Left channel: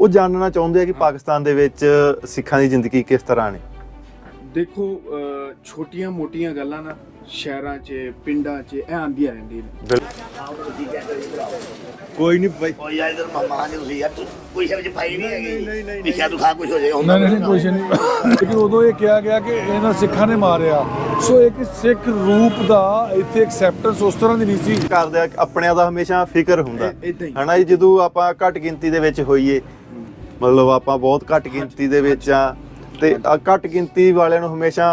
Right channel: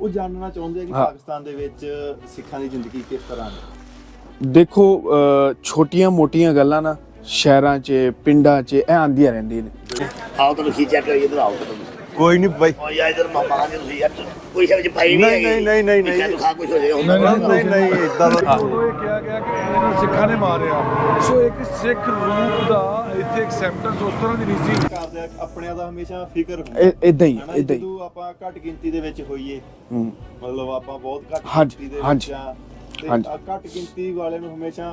ਉਹ ਜਾਣਨਾ ਚਾਹੁੰਦੇ ਆ ਕਿ ਪਾਕਿਸਤਾਨ ਦੇ ਵਿੱਚ ਸਿੱਖਾਂ ਦੀ ਜ਼ਿੰਦਗੀ ਕਿਸ ਤਰ੍ਹਾਂ ਨੇ? ਦੇਖੋ ਛੋਟੀਆਂ-ਮੋਟੀਆਂ ਗੱਲਾਂ ਨਾ ਸ਼ਹਿਰਾਂ 'ਚ ਪਿੰਡਾਂ 'ਚ ਇਹ ਆਂਦੀਆਂ ਰਹਿੰਦੀਆਂ ਨੇ। ਆਓ ਤਾਂ ਤੁਸੀਂ ਚੈੱਕ ਕਰਿਓ ਇਧਰ ਆਓ। ਤੁਸੀਂ ਕੋਈ ਨਹੀਂ ਬਾਈ। ਓ ਯਾਰ ਇਧਰ ਮਾਮਾ ਆ ਕੇ ਤੁਸੀਂ ਯਾਰ ਕੋਈ ਸ਼ਬਦ ਪਾਈ ਨਹੀਂ ਨਹੀਂ, ਨਹੀਂ, ਨਹੀਂ, ਨਹੀਂ। ਤੂੰ ਖਾ ਕੁਝ ਹੋ ਜਾਏ ਨਹੀਂ ਨਹੀਂ ਏਦਾਂ ਦਾ ਉਦੋਂ ਇਹ ਕਿਹਾ ਗਿਆ ਕਿ ਇਹਨਾਂ ਸਿੱਖਾਂ ਨੇ ਮਾਰਿਆ। ਸੋ ਇੱਕ ਸਿੱਖ ਰੂਪ ਦਾ ਇੱਥੇ ਐਕਸੈਪਟੈਂਸ ਉਸ ਤਰ੍ਹਾਂ ਦੀ ਨਹੀਂ ਸੀ। ਕਰਦੇ ਆ ਆਪਣਿਆਂ ਦਾ ਹਮੇਸ਼ਾ ਫਿਕਰ ਹੁੰਦਾ। ਏਦਾਂ ਹੀ, ਹਨਾ। ਜਦੋਂ ਆਪਾਂ ਘੱਟ ਗਿਣਤੀ ਦੇ ਵਿੱਚ ਹੋਈਏ। ਮਤਲਬ ਆਪਾਂ ਬਹੁਤ ਘੱਟ ਗਿਣਤੀ ਦੇ ਵਿੱਚ ਆ ਤੇ। ਆ ਘੱਟ ਗਿਣਤੀ ਵਾਲਿਆਂ ਨੂੰ ਹਮੇਸ਼ਾ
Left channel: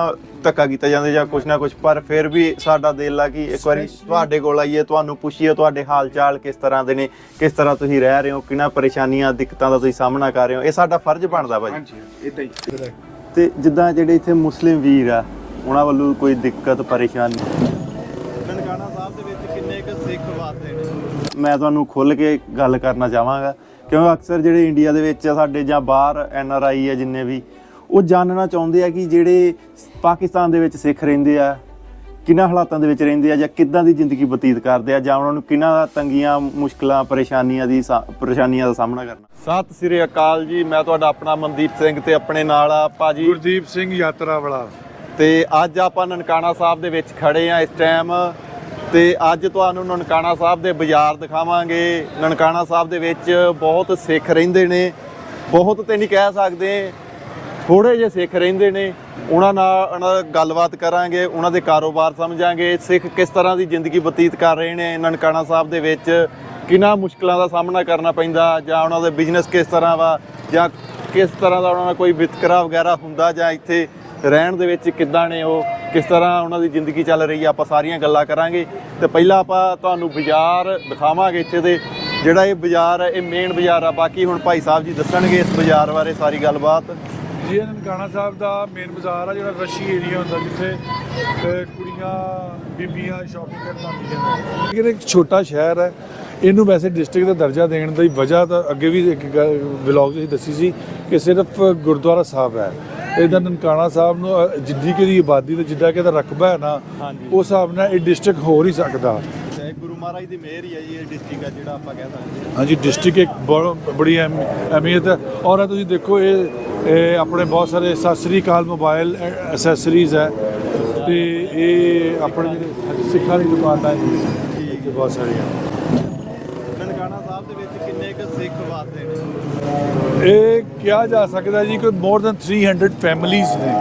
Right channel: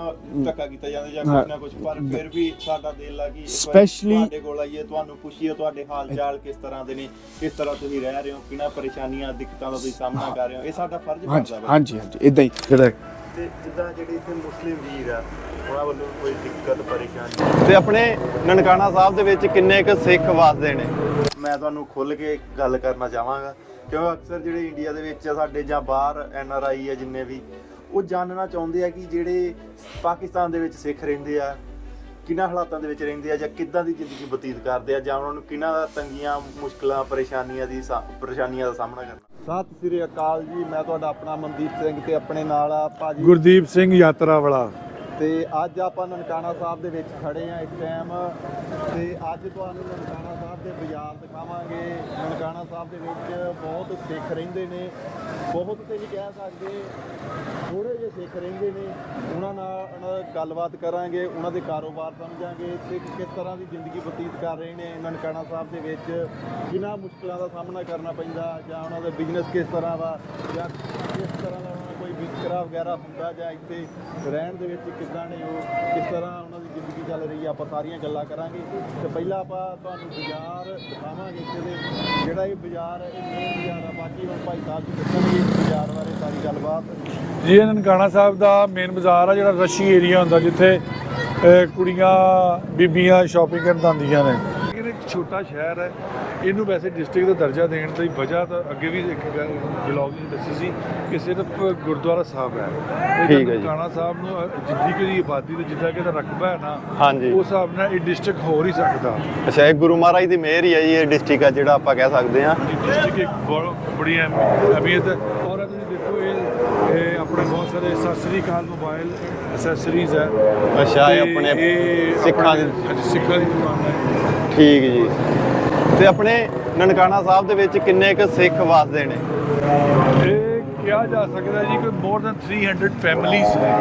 ਧੱਕਾ ਕੀਤਾ ਜਾਂਦਾ ਜਾਂ ਕੁਛ ਨਾ ਕੁਛ ਪਰ ਫਿਰ ਵੀ ਸਾਡਾ ਦਿਲ ਆ ਕਿ ਇੱਕ ਵਾਰੀ Especially- ਤੁਹਾਡੇ ਕੋਲ ਆਈਏ ਤੁਹਾਨੂੰ ਪੁੱਛੀਏ ਤੁਹਾਡੇ ਹਾਲ ਚਾਲ ਕਿਸ ਤਰ੍ਹਾਂ ਦੇ ਨੇ ਕਿਸ ਤਰ੍ਹਾਂ ਤੁਸੀਂ ਰਹਿ ਰਹੇ ਹੋ ਕਿਹਨਾਂ ਪਰੇਸ਼ਾਨੀਆਂ ਦਿੱਕਤਾਂ ਦਾ ਤੁਸੀਂ ਸਾਹਮਣਾ ਕਰ ਰਹੇ ਹੋ ਇਹ ਸਾਡਾ ਫਰਜ਼ ਬਣਦਾ ਬਾਈ ਹਾਂਜੀ ਹਾਂਜੀ ਇਦਾਂ ਹੀ। ਇਦਾਂ। ਤੇ ਜਿੱਦਾਂ ਜਿਹੜੇ ਇੱਥੇ ਮੁਸਲਿਮ ਵੀਰ ਆ ਉਹਨਾਂ ਵੱਲੋਂ ਕੋਈ ਦਿੱਕਤ ਪਰੇਸ਼ਾਨੀ? ਤੇ ਆਪਣੇ ਨਨਕਾਣਾ ਸਾਹਿਬ ਦੇ ਵਿੱਚ ਕਿੰਨੇ ਕੁ ਸਿੱਖ ਵਸਦੇ ਨੇ? ਮੈਂ ਤੁਹਾਨੂੰ ਖੁੱਲ ਕੇ ਗੱਲ ਕਰਨਾ ਚਾਹਾਂਗਾ ਕਿਉਂਕਿ ਅਕਸਰ ਜਿਹੜੇ ਇੰਡੀਆ ਦੇ ਵਿੱਚ ਆ ਸਾਡੇ ਜਾਂ ਬਾਹਰ ਐਨ ਆਰ ਆਈ ਆ ਜਿੰਨੇ ਵੀ ਉਹ ਜਾਣਨਾ ਚਾਹੁੰਦੇ ਆ ਕਿ ਜਿਹੜੇ ਪਾਕਿਸਤਾਨ ਦੇ ਵਿੱਚ ਸਿੱਖ ਰਹਿੰਦੇ ਆ ਕਿੰਨਾ ਹਾਲਾਤਾਂ ਦੇ ਵਿੱਚ ਰਹਿੰਦੇ ਆ ਜਾਂ ਕਿੱਦਾਂ ਦੀ ਜ਼ਿੰਦਗੀ ਬਤੀਤ ਕਰਦੇ ਆ ਜਾਂ ਉਹਨਾਂ ਨੂੰ ਕਿੰਨਾ ਤੰਗੀਆਂ ਮੁਸ਼ਕਲਾਂ ਪਰੇਸ਼ਾਨੀਆਂ ਦੀ ਸਾ- ਪਰੇਸ਼ਾਨੀਆਂ ਦਾ ਸਾਹਮਣਾ ਕਰਨਾ। ਸਤਿ ਸ੍ਰੀ ਅਕਾਲ ਜੀ ਮੈਂ ਤੁਹਾਡਾ ਆਪਣਾ ਮਨਦੀਪ ਸਿੰਘ ਤੇ ਆਪਣੇ ਨਾਲ ਆ ਭਾਜੀ। ਗੁਰਦੀਪ ਸਿੰਘ ਯਾਤਰਾ ਵਾਲਾ ਤੇ ਅੱਜ ਆਪਾਂ ਨਨਕਾਣਾ ਸਾਹਿਬ ਦੇ ਵਿੱਚ ਖੜੇ ਆ ਇਸ ਟਾਈਮ। ਤੇ ਅੱਜ ਤੁਹਾਨੂੰ ਨਨਕਾਣਾ ਸਾਹਿਬ ਦੇ ਬਾਜ਼ਾਰ ਦਿਖਾਵਾਂਗੇ। ਨਨਕਾਣਾ ਸਾਹਿਬ ਦੇ ਵਿੱਚ ਬਹੁਤ ਸਿੱਖ ਰਹਿੰਦੇ ਨੇ। ਬਹੁਤ ਤੇ ਨਹੀਂ ਕਹਿ ਸਕਦੇ ਥੋੜੇ ਜਿਹੇ ਸਿੱਖ ਰਹਿੰਦੇ ਨੇ, ਉਹਨਾਂ ਨਾਲ ਉਹਨਾਂ ਨਾਲ ਗੱਲਬਾਤ ਕਰਾਂਗੇ, ਉਹਨਾਂ ਦੇ ਕਾਰੋਬਾਰ ਸਮਝਾਂਗੇ, ਸਿੱਖ ਕਿਸ ਤਰ੍ਹਾਂ ਦੀ ਜ਼ਿੰਦਗੀ ਬਤੀਤ ਕਰ ਰਹੇ ਨੇ ਨਨਕਾਣਾ ਸਾਹਿਬ ਦੇ ਵਿੱਚ, ਕਿੰਨਾ ਮੁਸ਼ਕਲਾਂ ਦਾ ਸਾਹਮਣਾ ਕਰਨਾ ਪੈਂਦਾ, ਜਾਂ ਉਹਨਾਂ ਦੇ ਬਿਜ਼ਨਸ ਕਿਸ ਤਰ੍ਹਾਂ ਵਾ, ਜਾਂ ਕਿਸ ਤਰ੍ਹਾਂ ਦਾ ਉਹਨਾਂ ਦਾ ਕੋਈ ਵਿਤਕਰਾ ਵਗੈਰਾ ਹੁੰਦਾ, ਜਾਂ ਇੱਥੇ ਰਹਿਣ ਦੇ ਵਿੱਚ ਕਿੱਦਾਂ ਨੇ ਉਹ, ਕਿਸ ਤਰ੍ਹਾਂ ਉਹਨਾਂ ਦੀ ਜ਼ਿੰਦਗੀ ਚੱਲ ਰਹੀ ਆ, ਆਪਾਂ ਸਾਰੀਆਂ ਗੱਲਾਂ ਕਰਾਂਗੇ। ਤੇ ਪਹਿਲਾਂ ਆਪਾਂ ਤੁਹਾਨੂੰ ਬਾਜ਼ਾਰ ਦਿਖਾਵਾਂਗੇ ਇੱਥੇ ਦੇ, ਜਿਹੜਾ ਇਹ ਬਾਜ਼ਾਰ ਹੈ, ਇਹ ਮੇਨ ਬਾਜ਼ਾਰ ਆ, ਬਾਕੀ ਹੁਣ ਭਾਈ ਸਾਹਿਬ ਜੀ ਦੱਸਣਗੇ ਇਸ ਬਾਜ਼ਾਰ ਬਾਰੇ ਸਾਰੀ ਗੱਲਬਾਤ। ਜੀ, ਇਹ ਨਨਕਾਣਾ ਸਾਹਿਬ ਦਾ ਮੇਨ ਬਾਜ਼ਾਰ ਆ, ਜਿਹੜਾ ਰਸ਼ੀ ਏਰੀਆ ਹੁੰਦਾ, ਜਿੱਥੇ ਕੁੜੀਆਂ, ਬੀਬੀਆਂ ਸ਼ਾਪਿੰਗ ਕਰਨ ਆਉਂਦੀਆਂ ਨੇ। ਇਹ ਇੱਕ ਛੋਟਾ ਸ਼ਹਿਰ ਹੈ ਇਹਨੂੰ ਵੈਸੇ ਡਿਸਟ੍ਰਿਕਟ ਦਾ ਦਰਜਾ ਦੇਣ ਦੀ ਵਜ੍ਹਾ ਤਾਂ ਅੱਗੇ ਵੀ ਇੱਕ ਵਲੌਗ ਵਿੱਚ ਦੱਸੀ ਸੀ ਕਿ ਸਿਰਫ ਗੁਰਦੁਆਰਾ ਸਾਹਿਬ ਹੈ। ਇਹਦਾ ਠੀਕ ਹੈ ਜੀ। ਨਨਕਾਣਾ ਸਾਹਿਬ ਨੂੰ ਜਿੱਡੀ ਕਿ ਦੀ ਆਬਾਦੀ ਤੇ ਜਿੱਦਾਂ ਕਿ ਇਹਦਾ ਰਕਬਾ ਹੈ ਨਾ ਉਸ ਹਿਸਾਬ ਨਾਲ ਇਹ ਡਿਸਟ੍ਰਿਕਟ ਹੋ ਨਹੀਂ ਸਕਦਾ। ਅੱਛਾ ਇਹ ਗੁਰੂ ਮਹਾਰਾਜ ਦੀ ਮਿਹਰ ਹੀ ਹੈ ਜੀ ਇਹ ਡਿਸਟ੍ਰਿਕਟ ਆ ਜਿਹੜਾ ਆਪਾਂ ਕਹਿ ਸਕਦੇ ਹਾਂ। ਹਾਂਜੀ ਡਿਸਟ੍ਰਿਕਟ ਇੱਕ ਬਹੁਤ ਬੜੀ ਅਹਿਮ- ਅਹਿਮੀਅਤ ਹੈ। ਔਰ ਇਹ ਤੁਸੀਂ ਦੇਖੋ ਇਹ ਇਹ ਆਪਣੇ ਬਹੁਤ ਸਾਰੇ ਸਤਿ ਸ੍ਰੀ ਅਕਾਲ ਮੋਬਾਈਲ ਐਕਸੈਸਰੀਜ਼ ਹੈ। ਅੱਛਾ ਇਹ ਆਪਣੇ ਇਹ ਸਿੱਖਾਂ ਦੀ ਸਿੱਖਾਂ ਦੀ ਦੁਕਾਨ ਹੈ। ਠੀਕ ਜੀ। ਤੇ ਆਪਣੇ ਨਨਕਾਣਾ ਸਾਹਿਬ ਦੇ ਵਿੱਚ ਕਿੰਨੇ ਕੁ ਸਿੱਖ ਵਸਦੇ ਨੇ? ਇਹ ਕਿਹਾ ਜਾ ਸਕਦਾ ਜੀ ਕਿ ਮੋਰ ਦੈਨ 300 ਫੈਮਿਲੀਜ਼ ਨੇ।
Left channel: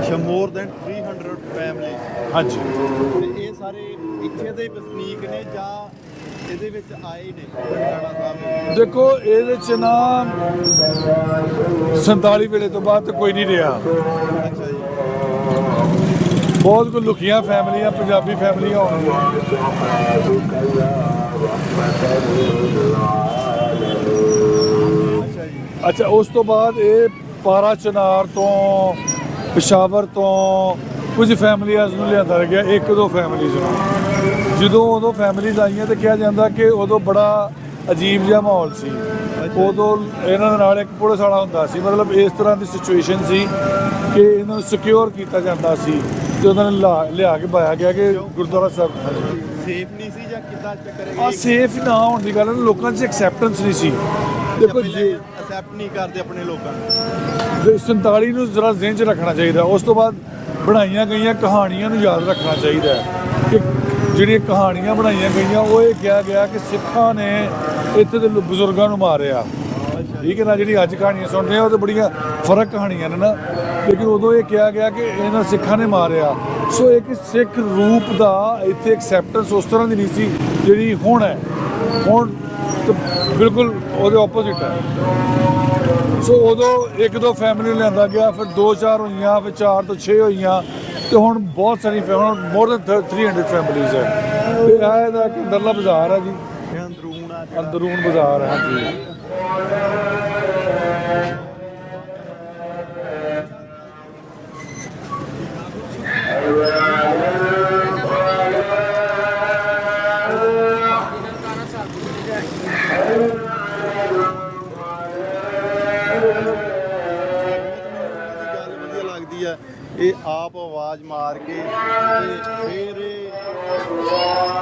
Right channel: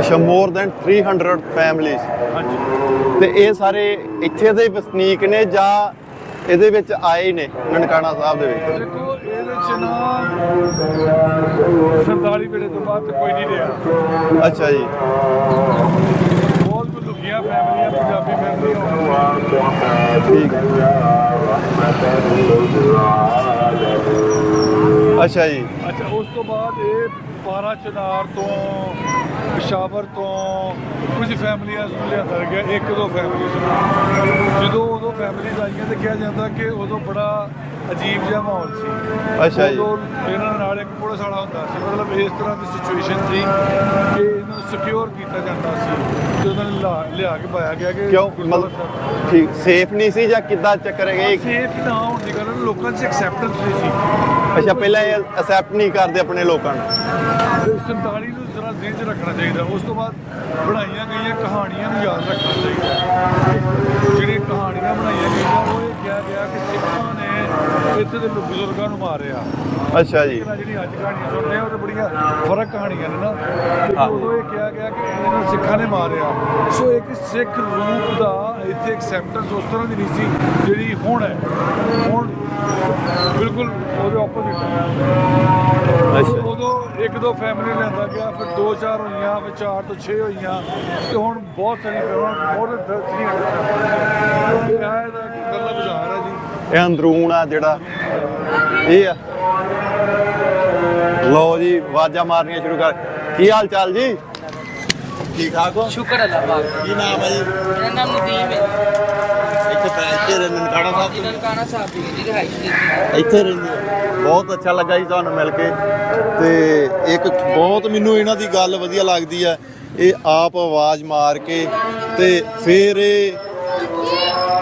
ਅੱਛਾ ਮੋਰ ਦੈਨ 300 ਫੈਮਿਲੀਜ਼ ਹਾਂਜੀ। ਤੇ ਇਹ ਸਾਰੇ ਇੱਥੇ ਦੇ ਵਸਨੀਕ ਨੇ ਜਾਂ ਇਹਦੇ ਵਿੱਚ ਆਏ ਨੇ ਨਨਕਾਣਾ ਸਾਹਿਬ ਦੇ ਵਿੱਚ? ਦੇਖੋ ਇਹਦੇ ਚ ਨਾ 47 ਵੇਲੇ ਤੋਂ ਬਾਅਦ ਕੋਈ ਨਹੀਂ ਰਿਹਾ। ਅੱਛਾ ਜੀ। ਬਹੁਤ ਕੋ ਲੁਕੀਆਂ ਫੈਮਲੀਆਂ ਪੰਜਾਬੀ ਫੈਮਲੀਆਂ ਹੋਣਗੀਆਂ ਠੀਕ ਅੱਛਾ ਜੀ। ਅੱਛਾ ਉਸ ਤੋਂ ਬਾਅਦ ਇਹ ਪਾਰਾ ਚਨਾਰ ਤੋਂ ਪਿਸ਼ਾਵਰ ਤੋਂ ਕੁਝ ਫੈਮਲੀਆਂ ਨੂੰ ਲਿਆਂਦਾ ਗਿਆ ਇੱਕ ਦੋ ਫੈਮਲੀਜ਼ ਜਦੋਂ ਉਦੋਂ ਫੈਮਲੀਜ਼ ਆਈਆਂ ਤੇ ਕਿਹਾ ਜਾਂਦਾ ਕਿ ਉਦੋਂ ਬੜਾ ਅਜੀਬ ਜਿਹਾ ਮਾਹੌਲ ਸੀ। ਅੱਛਾ ਜੀ। ਉਦੋਂ ਇਹਨਾਂ ਦੇ ਨਾਲ ਇੱਕ ਪੁਲਿਸ ਵਾਲਾ ਹੁੰਦਾ ਸੀ ਮਤਲਬ ਇਸ ਤਰ੍ਹਾਂ ਦੀ ਸਿਚੁਏਸ਼ਨ ਸੀ ਕਿ ਇਹਨਾਂ ਨੂੰ ਸਿਕਿਉਰ ਕੀਤਾ ਜਾਂਦਾ ਸੀ ਤੇ ਉਹਨਾਂ ਨੂੰ ਲਾ- ਲਿਆ ਕੇ ਪਾਇਆ ਗਿਆ ਕਿ ਕਿਉਂ? ਗੁਰਦੁਆਰਾ ਸਾਹਿਬ। ਠੀਕ ਸੇਫ ਨਹੀਂ ਸੀ ਜਾਂ ਕਿੱਦਾਂ ਚੱਕਰ ਗਏ ਸੇਫ ਨਾ ਹੋਣ ਦੀ ਗੱਲ ਲੋਕਾਂ 'ਚ ਐਕਸੈਪਟੈਂਸ ਨਹੀਂ ਸੀ। ਅੱਛਾ ਪਹਿਲਾਂ ਇਹ ਅਸੈਪਟ ਨਹੀਂ ਕਰਦੇ ਆਪਣੇ ਲੋਕਾਂ ਨੂੰ? 47 ਨੂੰ ਜ਼ਰਾ ਜ਼ਿਹਨ 'ਚ ਰੱਖਣਾ ਚਾਹੀਦਾ ਉਸ ਤੋਂ ਬਾਅਦ ਬਣਾਈਆਂ ਗਈਆਂ ਕਹਾਣੀਆਂ ਨੂੰ ਯਾਦ ਰੱਖਣਾ ਚਾਹੀਦਾ ਹੈ। ਕਿ ਜਿਹੜੀਆਂ ਕਹਾਣੀਆਂ ਬਣਾਈਆਂ ਗਈਆਂ ਉਹ ਇਹ ਕਿਹਾ ਗਿਆ ਕਿ ਸਿੱਖਾਂ ਨੇ ਇੱਥੇ ਦੇ ਬਜ਼ੁਰਗਾਂ ਨੂੰ ਮਾਰਿਆ। ਅੱਛਾ ਠੀਕ ਜੀ ਹੈ ਨਾ ਜਿਹੜੀ ਅੱਜ ਕਹਾਣੀਆਂ ਸੁਣਦੇ ਆ ਉਹ ਤੇ ਬੜੀਆਂ ਫ਼ਰਕ ਕਹਾਣੀਆਂ ਨੇ ਨਾ। ਲੇਕਿਨ ਉਦੋਂ ਇਹ ਕਿਹਾ ਗਿਆ ਕਿ ਇਹਨਾਂ ਸਿੱਖਾਂ ਨੇ ਮਾਰਿਆ। ਸੋ ਇੱਕ ਸਿੱਖ ਰੂਪ ਦਾ ਇੱਥੇ ਐਕਸੈਪਟੈਂਸ ਉਸ ਤਰ੍ਹਾਂ ਦੀ ਨਹੀਂ ਸੀ ਜਿਹੜੀ ਹੁਣ ਹੈ। ਹੁਣ ਬਿਲਕੁਲ ਉਹਦੇ ਆਪੋਜ਼ਿਟ ਹੈ। ਸੋ ਉਦੋਂ ਇੱਕ ਦੋ ਫੈਮਿਲੀ ਲਿਆਂਦਾ ਗਿਆ ਫਿਰ ਦੋ ਚਾਰ ਹੋਈਆਂ ਫਿਰ ਚਾਰ ਤੋਂ 6 ਹੋਈਆਂ ਤੇ ਹੁਣ ਬਹੁਤ ਸਾਰੀ ਫੈਮਿਲੀ ਮੋਰ ਦੈਨ 300 ਫੈਮਿਲੀਜ਼ ਹੈ। ਇਹ ਇਹਦਾ ਕਿ ਦਰਲਾ ਬਾਜ਼ਾਰ ਹੈ ਜੀ। ਇਹ ਅੰਦਰੂਨ ਆ ਜਿਹੜਾ ਦਰੂਨ ਬਾਜ਼ਾਰ ਹੈ। ਇਹ ਆ। ਲਓ ਜੀ ਆਵਾਜ਼ਾਂ ਮਾਰਨੀਆਂ ਸ਼ੁਰੂ ਕਰ ਕੀ ਹਾਲ ਚਾਲ ਜੀ? ਠੀਕ ਠਾਕ ਹੋ? ਸ਼ੁਕਰ ਅੱਲਾਹ ਪਾਕ ਨਾਮ ਹੈ ਮੇਰਾ ਨਾਮ ਨਦੀਮ ਹੈ। ਕੇ ਨਨਕਾਣਾ ਸਾਹਿਬ ਦੀ ਦੀ ਰਿਹਾਈ ਇੱਥੇ ਰਹਿੰਦੇ ਬਹੁਤ ਅੱਛਾ ਲੱਗਾ ਜੀ ਤੁਹਾਨੂੰ ਮਿਲ ਕੇ। ਤੇ ਇੱਕ ਬਹੁਤ ਮੈਨੂੰ ਇਹਨਾਂ ਦੀ ਗੱਲ ਵਧੀਆ ਲੱਗਦੀ ਆ। ਇਹ ਆਪ ਆਵਾਜ਼ ਮਾਰ ਕੇ ਤੇ ਫਿਰ ਇਹ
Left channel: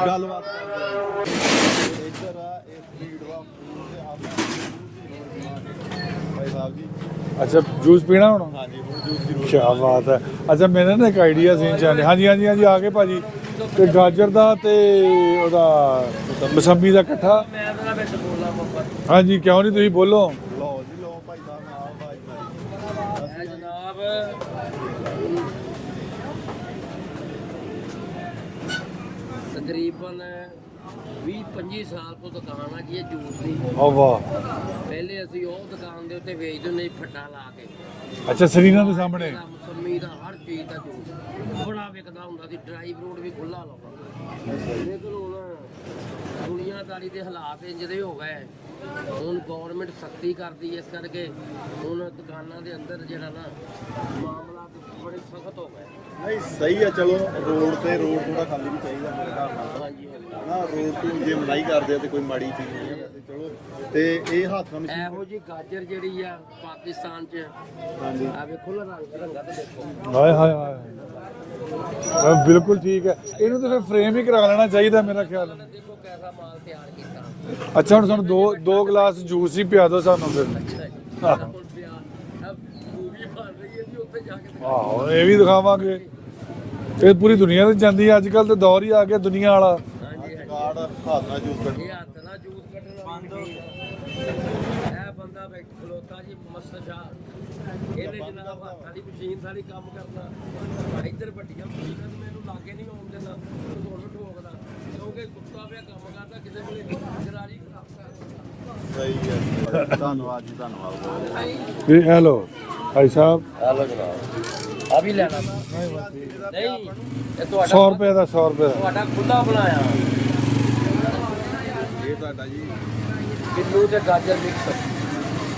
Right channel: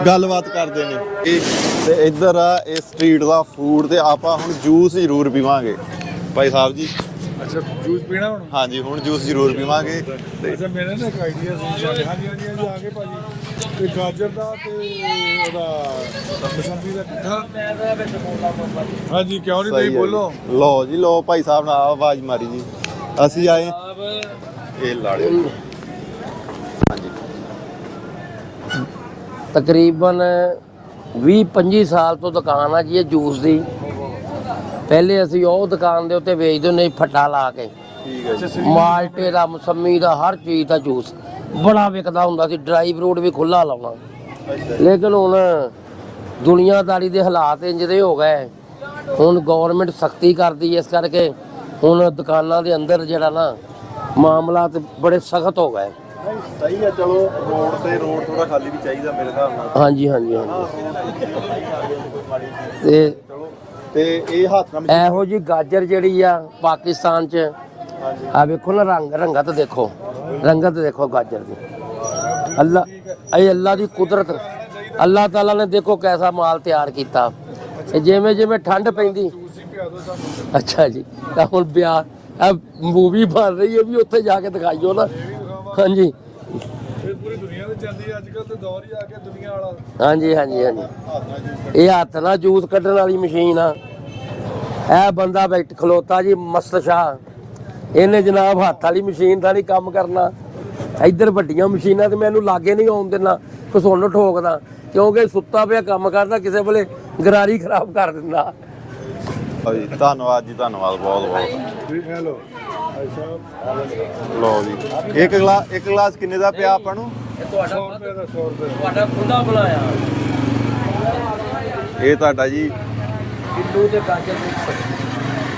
ਗੱਲਬਾਤ ਕਰਦੇ ਨੇ। ਇਹ ਤੇ ਇੱਧਰ ਆ, ਇਹ ਸਟਰੀਟ ਦਾ ਫੂਡ ਤੇ ਆਪਾਂ ਹੁਣ ਜੂਸ ਜ਼ਰੂਰ ਪੀਵਾਂਗੇ। ਭਾਈ ਸਾਹਿਬ ਜੀ ਅੱਛਾ ਜੂਸ ਪੀਣਾ ਹੁਣ? ਹਾਂਜੀ ਹੁਣ ਜੂਸ ਜ਼ਰੂਰ ਕਿਆ ਬਾਤ ਪੀਵਾਂਗੇ ਅੱਛਾ ਮੇਰੇ ਨਾ ਇੱਕ ਆਈਡੀਆ ਸੀ ਚਾਹੁੰਦੇ ਹਾਂਜੀ ਹਾਂਜੀ ਹਾਂਜੀ ਆ ਗਏ ਭਾਜੀ। ਤੇ ਗਾਜਰ ਦਾ ਤੇ ਉਹਦਾ ਮਸੰਮੀ ਦਾ ਇਕੱਠਾ। ਹਾਂਜੀ ਕਿਉਂ ਨਹੀਂ ਤੁਸੀਂ ਬੋਲੋ? ਲਓ ਜੀ ਲਓ ਭਾਈ ਸਾਹਿਬ ਨਾਲ ਆਵਾਜ਼ ਮਾਰੀ ਜੀ। ਅਸੀਂ ਆਏ। ਇਹ ਲਾੜਿਓ ਤਕਰੀਬਨ 20-25 ਸਾਲ ਤੋਂ ਦੁਕਾਨ ਆ ਜੀ ਇਹ ਜੂਸ ਦੀ। ਵਾਹ ਵਾਹ। ਪਹਿਲੇ ਅਸੀਂ ਉਹ ਦੁਕਾਨ ਦੇ ਉੱਤੇ ਵੇਚਦੇ ਹੁੰਦੇ ਸੀ ਫੱਟਾ ਲਾ ਕੇ। ਅੱਛਾ ਸਰੀਰ ਨਾਲ ਮਾਲਟੇ ਸਾਹਮਣੇ ਦਾ ਮਸੰਮੀ ਦਾ ਹਰ ਚੀਜ਼ ਦਾ ਜੂਸ। ਬੜਾ ਵਿਕਦਾ ਹੁੰਦਾ ਸੀ ਡਰਾਈ ਫਰੂਟ ਵੀ ਖੁੱਲਾ ਲਾਉਣਾ। ਲੇਕਿਨ ਹੁਣ ਦੁਨੀਆਦਾਰੀ ਦੇ ਹਾਲਾਤ ਇੰਜ ਦੇ ਹੋ ਗਏ। ਹੁਣ ਗਵਰਨਮੈਂਟ ਸਖਤੀ ਕਰਦੀ ਹੈ ਇਸ ਕਰਕੇ ਹੁਣ ਦੁਕਾਨਾਂ ਦੇ ਅੰਦਰ ਜਿਹੜਾ ਨਾ ਮਾਮਲਾ ਤੇ ਬੜੇ ਸਖਤ ਹੋ ਗਏ। ਨਹੀਂ ਸਹੀ ਆ ਚਲੋ ਰੋਡ ਤੇ ਰੋਡ ਥੋੜਾ ਖਾਲੀ ਵੀ ਚਾਹੀਦਾ ਮੇਰੇ ਹਿਸਾਬ ਨਾਲ। ਹਾਂਜੀ ਹਾਂਜੀ ਹਾਂਜੀ। ਨਾ ਰੋਡ ਤੇ ਜੇ ਮਲਾਈ ਕਰਦੇ ਤੇ ਕੋਈ ਮਾੜੀ ਚੀਜ਼ ਤੇ ਚਲੋ ਤੇ ਇਹ ਹੱਥ ਨਾਲ ਮਸ਼ੀਨ- ਇਹੋ ਜੀ ਗਾਜਰ ਜਿਹੜੀ ਆ ਪਾਕਿਸਤਾਨ ਚ ਆ ਵੇਖੋ ਨਾ ਰੰਗ ਰੰਗਤ ਦੇਖੋ। ਹਾਏ ਹਾਏ। ਰੰਗਤ ਦੇਖੋ ਗਾਜਰ ਦੀ। ਹਾਂ, ਬਿਲਕੁਲ ਅੱਲਾ ਠੀਕ ਹੈ। ਇਹ ਅੱਲਾ ਦੀ frame ਵੀ ਕੁਦਰਤ ਕਰਾ ਲੈਣਾ ਚਾਹੀਦਾ। ਅੱਲਾਹ ਤਾਲਾ ਨੇ ਦੇਖੋ ਕੈਸਾ ਮਾਲ ਤਿਆਰ ਕੀਤਾ। ਅੱਛਾ ਹੁਣ ਜਿਵੇਂ ਦੋ- ਜਿਵੇਂ ਦੋ ਠੰਡ ਗਲਾਸ ਪੈਂਦੀ। ਜੂਸ ਹੀ ਪਿਆ ਦਿਓ ਸਾਨੂੰ ਫਿਰ ਅੱਛਾ ਜੀ। ਤਾਂ ਹੁਣ ਬਿਆਹ ਆ ਮੂਵੀ ਬਣ ਰਹੀ ਹੈ ਵੀ ਉੱਥੇ ਜਾ ਕੇ ਦਿਖਾਈਓ ਨਾ। ਇਹ ਵੀ ਦਿਖਾਵਾਂਗੇ। ਹਾਂਜੀ। ਇਹ ਪੂਰੀ ਦੁਨੀਆ ਤੇ ਜਾਂਦੀ ਹੈ। ਅੱਜ ਕੱਲ ਤੇ ਦੌਰ ਹੀ ਆ ਗਿਆ ਦੁਨੀਆ ਵਾਲਾ। ਹਾਂਜੀ ਹਾਂਜੀ ਹਾਂਜੀ। ਇਹ ਹੱਥ ਨਾਲ ਜੂਸ ਕੱਢਣ ਵਾਲੀ ਮਸ਼ੀਨ ਆ। ਇਹ ਬੰਦਾ ਬੈਠ ਖਲੋਤਾ ਜੀ ਮਸਤ ਸ਼ਾਹ। ਇਹਨੇ ਜਨਾਬ ਹੱਥ ਵਾਲੀ ਮਸ਼ੀਨ ਦਾ ਨਹੀਂ ਕੰਮ ਕਰਨਾ। ਇੱਧਰ ਵੱਡੀਆਂ ਮਸ਼ੀਨਾਂ ਤੇ ਮੈਨੂੰ ਲਾਗੇ ਨਹੀਂ ਆਉਣ ਦੇਣਾ ਘਸੁੰਨ ਠੋਕਦਾ। ਕਿਉਂਕਿ ਸੁੱਤਾ ਪਿਆ ਕੰਮ ਕਰਦਾ ਕਿਸੇ ਵੇਲੇ ਗਰਾਰੀ ਖਰਾਬ ਕਰ ਦਿੰਦਾ। ਧੰਨਵਾਦ ਜੀ ਧੰਨਵਾਦ ਬਹੁਤ ਬਹੁਤ ਹੈਲੋ ਭਾਈ ਸਾਹਿਬ। ਲਓ ਜੀ। ਇੱਕ ਗਲਾਸ ਇੱਕ ਗਲਾਸ ਕਿੰਨੇ ਦਾ ਪਿਆ ਆਪਾਂ ਨੂੰ? ਇਹ 100 ਰੁਪਏ ਦਾ 100 ਰੁਪਏ। ਤੁਹਾਡਾ ਖੁੱਲਾ ਬਣਾਇਆ ਇਹ ਤੁਹਾਡਾ ਜੀ। ਕਿੱਲੂ ਤੇ ਗਾਜਰ ਮਿਕਸ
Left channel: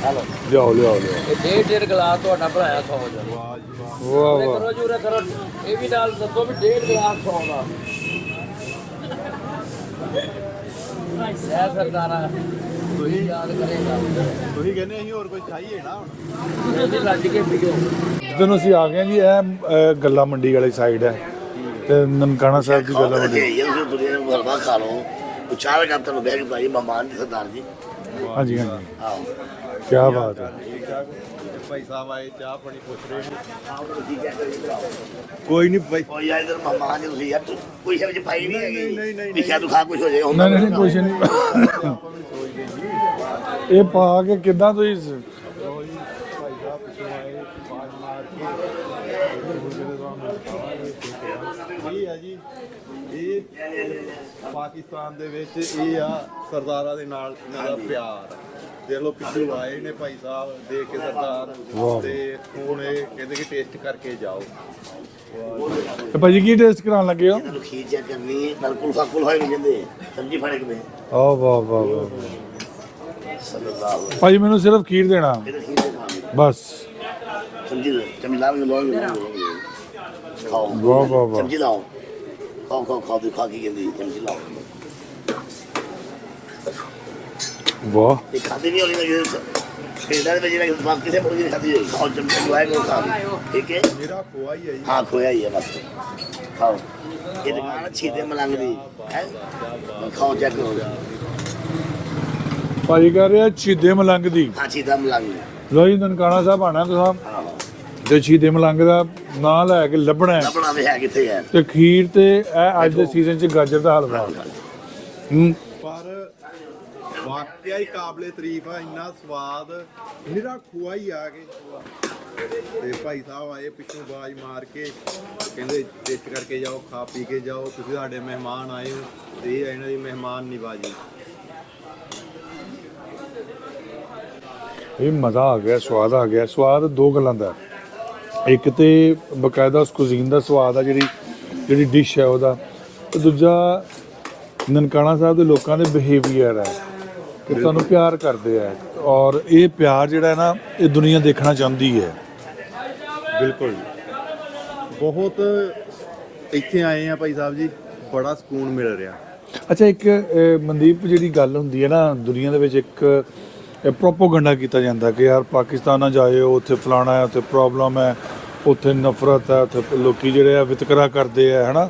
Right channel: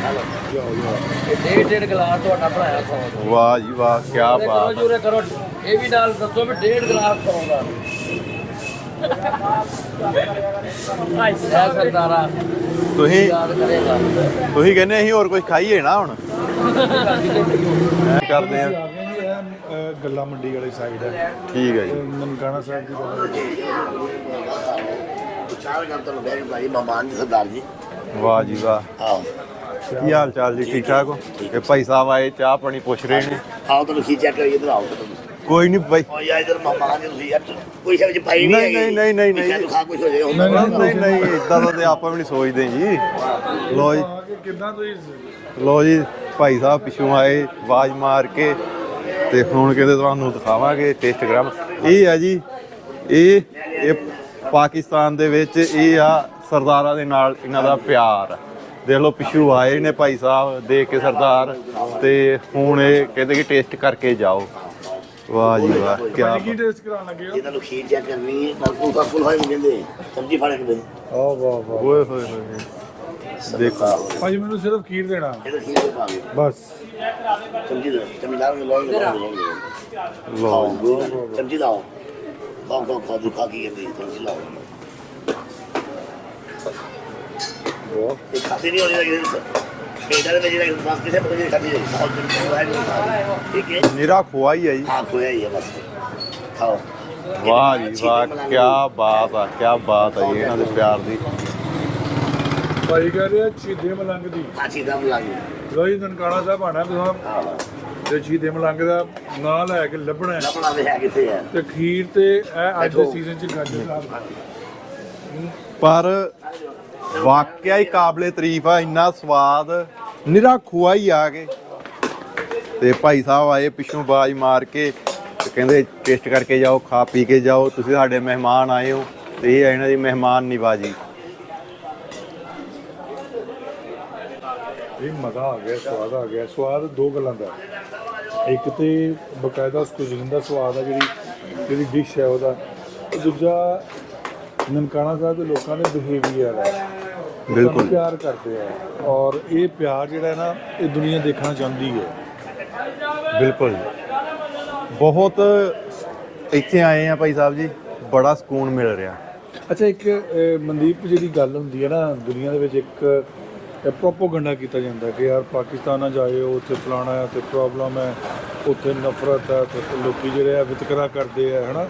ਹਲੋ। ਲਿਆਓ ਲਿਆਓ ਇਹ ਡੇਢ ਡੇਢ ਗਲਾਸ ਤੁਹਾਡਾ ਬਣਾਇਆ ਸੌ ਦਾ। ਵਾਹ ਜੀ ਵਾਹ ਕੀ ਕਰੋ ਬਾਤ। ਜੀ ਉਰੇ ਕਰੋ ਇਹ ਵੀ ਨਾਲ ਦੱਸੋ ਵੀ ਡੇਢ ਗਲਾਸ ਸੌ ਦਾ। ਸਰਦਾਰਾ ਤੁਸੀਂ ਯਾਦ ਕਰੇਗਾ ਤੁਸੀਂ ਕਹਿੰਦੇ ਅਸੀਂ ਹੋਰ ਕੁਝ ਖਾਈਏ ਨਾ ਹੁਣ। ਰੱਜ ਕੇ ਪੀਓ ਜਦੋਂ ਅਸੀਂ ਆ ਗਏ ਜੀ ਇਹ ਗੱਲਾ ਮੰਡੀ ਵਾਲੀ ਸਾਈਡ ਹੈ। ਠੀਕ ਹੈ ਜੀ। ਤੇ ਨਨਕਾਣਾ ਸਾਹਿਬ ਦੀ ਗੱਲਾ ਮੰਡੀ। ਜੇ ਇਹ ਦੁਨੀਆ ਨੂੰ ਮਰਵਾ ਖਾ ਲਓ। ਪੁੱਛਾਵੇ ਨਾ ਤੈਨੂੰ ਬੈਠ ਭਾਈ ਮਮਾਨ ਦੀ ਸਰਦਾਰ ਜੀ। ਵਾਹ ਜੀ ਵਾਹ। ਆਓ ਕੀ ਹਾਲ ਬਾਤ ਚਾਲ ਜੀ? ਠੀਕ ਠਾਕ ਹੋ? ਇਹ ਭਾਈ ਸਾਹਿਬ ਆਏ ਚਾਹ ਪਾਣੀ ਪੁੱਛ ਰਹੇ ਨੇ। ਆਓ ਤੁਹਾਨੂੰ ਖੀਚਿਆ ਕਰੀ ਇਧਰ ਆਓ। ਤੁਸੀਂ ਕੋਈ ਨਹੀਂ ਭਾਈ ਉਹ ਯਾਰ ਇਧਰ ਮਮਾਨ ਜੀ ਤੁਸੀਂ ਯਾਰ ਕੋਈ ਸ਼ਬਦ ਪਾਈ ਨਹੀਂ ਨਹੀਂ, ਨਹੀਂ, ਨਹੀਂ, ਨਹੀਂ, ਨਹੀਂ। ਖਾ ਕੁਝ ਹੋ ਜਾਏ ਨਹੀਂ, ਹੁਣ ਨਹੀਂ ਨਹੀਂ। ਇਦਾਂ ਦਾ ਤੇ ਆਪਾਂ ਵੀ ਨਹੀਂ ਸੋਚਦੇ ਜੀ। ਇਹ ਪਾ ਕੇ ਕਿੱਦਾਂ ਤੁਸੀਂ ਲੋ ਜੀ ਭਾਈ ਸਾਹਿਬ ਪਿਛੋਂ ਆਏ ਆਵਾਜ਼ ਮਾਰ ਕੇ ਤੇ ਹੁਣ ਕਹਿੰਦੇ ਤੁਹਾਨੂੰ ਦਿਖਾਵਾਂਗੇ ਟੇਸਟ ਗ੍ਰਾਮ ਇਹ ਆ ਜੀ ਇਹ ਇਹ ਪਾਕਿਸਤਾਨ ਦੇ ਵਿੱਚ ਇਹ ਆ ਸਰਦਾਰਾਂ ਦੇ ਨਾਲ ਇਹਨਾਂ ਦਾ ਪਿਆਰ। ਦੇਖ ਲਓ ਪਿਛੂ ਆਏ ਨੇ ਭਾਈ ਸਾਹਿਬ ਦੇਖ ਕੇ ਸਰਦਾਰ ਤੇ ਹੁਣ ਇਹ ਕਹਿੰਦੇ ਕਿ ਟੇਸਟ ਕਰਕੇ ਜਾਓ। ਵਾਹ ਜੀ ਵਾਹ। ਤੇ ਭਾਜੀ ਕੀ ਟੇਸਟ ਕਰਾਉਣ ਲੱਗੇ ਹੋ? ਇਹਨਾਂ ਨੂੰ ਖੀਚਿਆ ਕਰਨੀ ਹੈ ਪਰ ਤੂੰ ਫੁੱਲ ਹੋਈ ਨਹੀਂ ਦੇ ਸਬਜ਼ੀ ਫੜ ਕੇ ਦੇ। ਆ ਵਾਹ ਵਾਹ ਓਏ ਹੋਏ ਹੋਏ ਦੇਖੋ। ਭਾਜੀ ਮੈਨੂੰ ਸਿਰਫ ਖੀਰ ਦੇਣਾ। ਖੀਰ ਬਸ। ਸਬਜ਼ੀ ਦੇ ਚਮਚਾ ਵਿੱਚ ਲੋਗੇ ਲਓ। ਵਾਹ ਵਾਹ ਵਾਹ। ਸਬਜ਼ੀ ਲਾਓ। ਖਾਓ ਖਾਓ ਖਾਓ ਦੁਖਾ ਕੀ ਕਹਿੰਦੀ ਸਬਜ਼ੀ ਲਾਓ। ਵਾਹ। ਇਹ ਖਾਦੀ ਨਹੀਂ ਹੋਣੀ ਲੱਗੀ ਪੇਟਾਂ ਦੇ ਵਿੱਚ ਜਿਹੜਾ ਬਾਕੀ ਕਿਸੇ ਬੰਦੇ ਦੀ ਖਾਦੀ ਜਾਏ ਬਹੁਤ ਜੰਮੀ। ਵਾਇਰ ਨੂੰ ਖਾ ਲਈ ਠੀਕ ਹੈ। ਨਿਰਾ ਖੁਆ ਹੀ ਆ ਜੀ। ਹਾਂ ਖੋਇਆ ਹੀ ਹੈ ਬਸ। ਖਾਓ। ਵਾਹ ਜੀ ਵਾਹ ਕੀ ਬਾਤ ਆ ਕੀ ਬਾਤ ਆ ਜੀ ਇਹਨਾਂ ਦੇ ਪਿਆਰ ਦੀ। ਭਾਜੀ ਕਹ ਰਹੇ ਛੀਦੇ ਮਲੰਗ ਦੀ। ਆਚੀ ਦਮ ਲੱਗੀ ਲੋ ਜੀ ਨਨਕਾਣਾ ਸਾਹਿਬ ਆਣਾ ਤੁਸੀਂ। ਹਾਂ ਤੇ ਛੀਦੇ ਮਲੰਗ ਦਾ ਨਾਂ ਲੈ ਕੇ ਲੱਭਣਾ ਹੈ। ਲੱਭਣਾ ਵੀ ਹੈ ਕਿੱਥੇ ਹੈ? ਤੇ ਖੀਰ ਤੇ ਇਹ ਅੱਜ ਦੇ ਸੀਜ਼ਨ 'ਚ ਗਾਜਰ ਦਾ ਹਲਵਾ। ਹੂੰ ਪਰ ਵਾਕਿਆ ਹੀ ਕਾਬਲੇ ਤਾਰੀਫ ਆ, ਇੰਨਾ ਸਵਾਦ। ਨਿਰਾ ਖੁਆ ਹੀ ਆ ਕੇ। ਤੇ ਭਾਈ ਸਾਹਿਬ ਆਏ ਪਿੱਛੋਂ ਬਾਜ ਮਾਰ ਕੇ ਕਹਿੰਦੇ, ਟੇਸਟ ਕਰਕੇ ਜਾਓ, ਖਾ ਪੀ ਕੇ ਜਾਓ, ਤੁਸੀਂ ਸਾਡੇ ਮਹਿਮਾਨ ਆਏ ਹੋ। ਤੇ ਇਹ ਹੈ ਇਹਨਾਂ ਦੀ ਮਹਿਮਾਨ ਨਿਵਾਜੀ ਇਹ ਮਜ਼ਾ ਆ ਗਿਆ, ਸਵਾਦ ਆ ਗਿਆ। ਸਵਾਦ ਦੋ ਗੱਲਾਂ ਦਾ। ਇੱਕ ਤੇ ਬਕਾਇਦਾ ਉਸ ਕੁਜ਼ੀਨ ਦਾ ਸਵਾਦ ਆ, ਜਿਹੜੀ ਜਿਹੜੀ ਡਿਸ਼ ਹੈ ਉਹਦਾ। ਤੇ ਦੂਜਾ, ਨਨਕਾਣਾ ਸਾਹਿਬ ਦੇ ਲੋਕਾਂ ਦੇ ਬਿਹੇਵੀਅਰ ਹੈ ਉਹ ਤੁਹਾਨੂੰ ਪਿਆਰ ਕਰਦੇ ਆ। ਔਰ ਇਹ ਪਿਆਰ ਜਿਹੜਾ ਹੈ ਨਾ ਇਹ ਦੁਨੀਆ ਦੇਖਣਾ ਚਾਹੁੰਦੀ ਹੈ। ਬਿਲਕੁਲ ਬਹੁਤ ਇੱਥੇ ਆਏ ਆ ਭਾਈ ਸਾਹਿਬ ਜੀ ਬੜਾ ਸਕੂਨ ਮਿਲ ਰਿਹਾ। ਅੱਛਾ ਇੱਕ ਮਨਦੀਪ ਜਿਹੜੀ ਗੱਲ ਹੁੰਦੀ ਹੈ ਨਾ ਦੁਨੀਆ ਦੇ ਵਿੱਚ ਇੱਕ ਪ੍ਰੋਪੋਗੰਡਾ ਕੀਤਾ ਜਾਂਦਾ ਕਿ ਯਾਰ ਪਾਕਿਸਤਾਨ ਨਾ ਜਾਇਓ ਉੱਥੇ ਫਲਾਣਾ ਹੈ ਉੱਥੇ ਪ੍ਰੋਬਲਮ ਹੈ ਉੱਥੇ ਨਫ਼ਰਤ ਹੈ ਉੱਥੇ ਲੋਕੀ ਜਿਹੜੇ ਆ ਵਿਤਕਰਾ ਕਰਦੇ ਆ ਹਨਾ?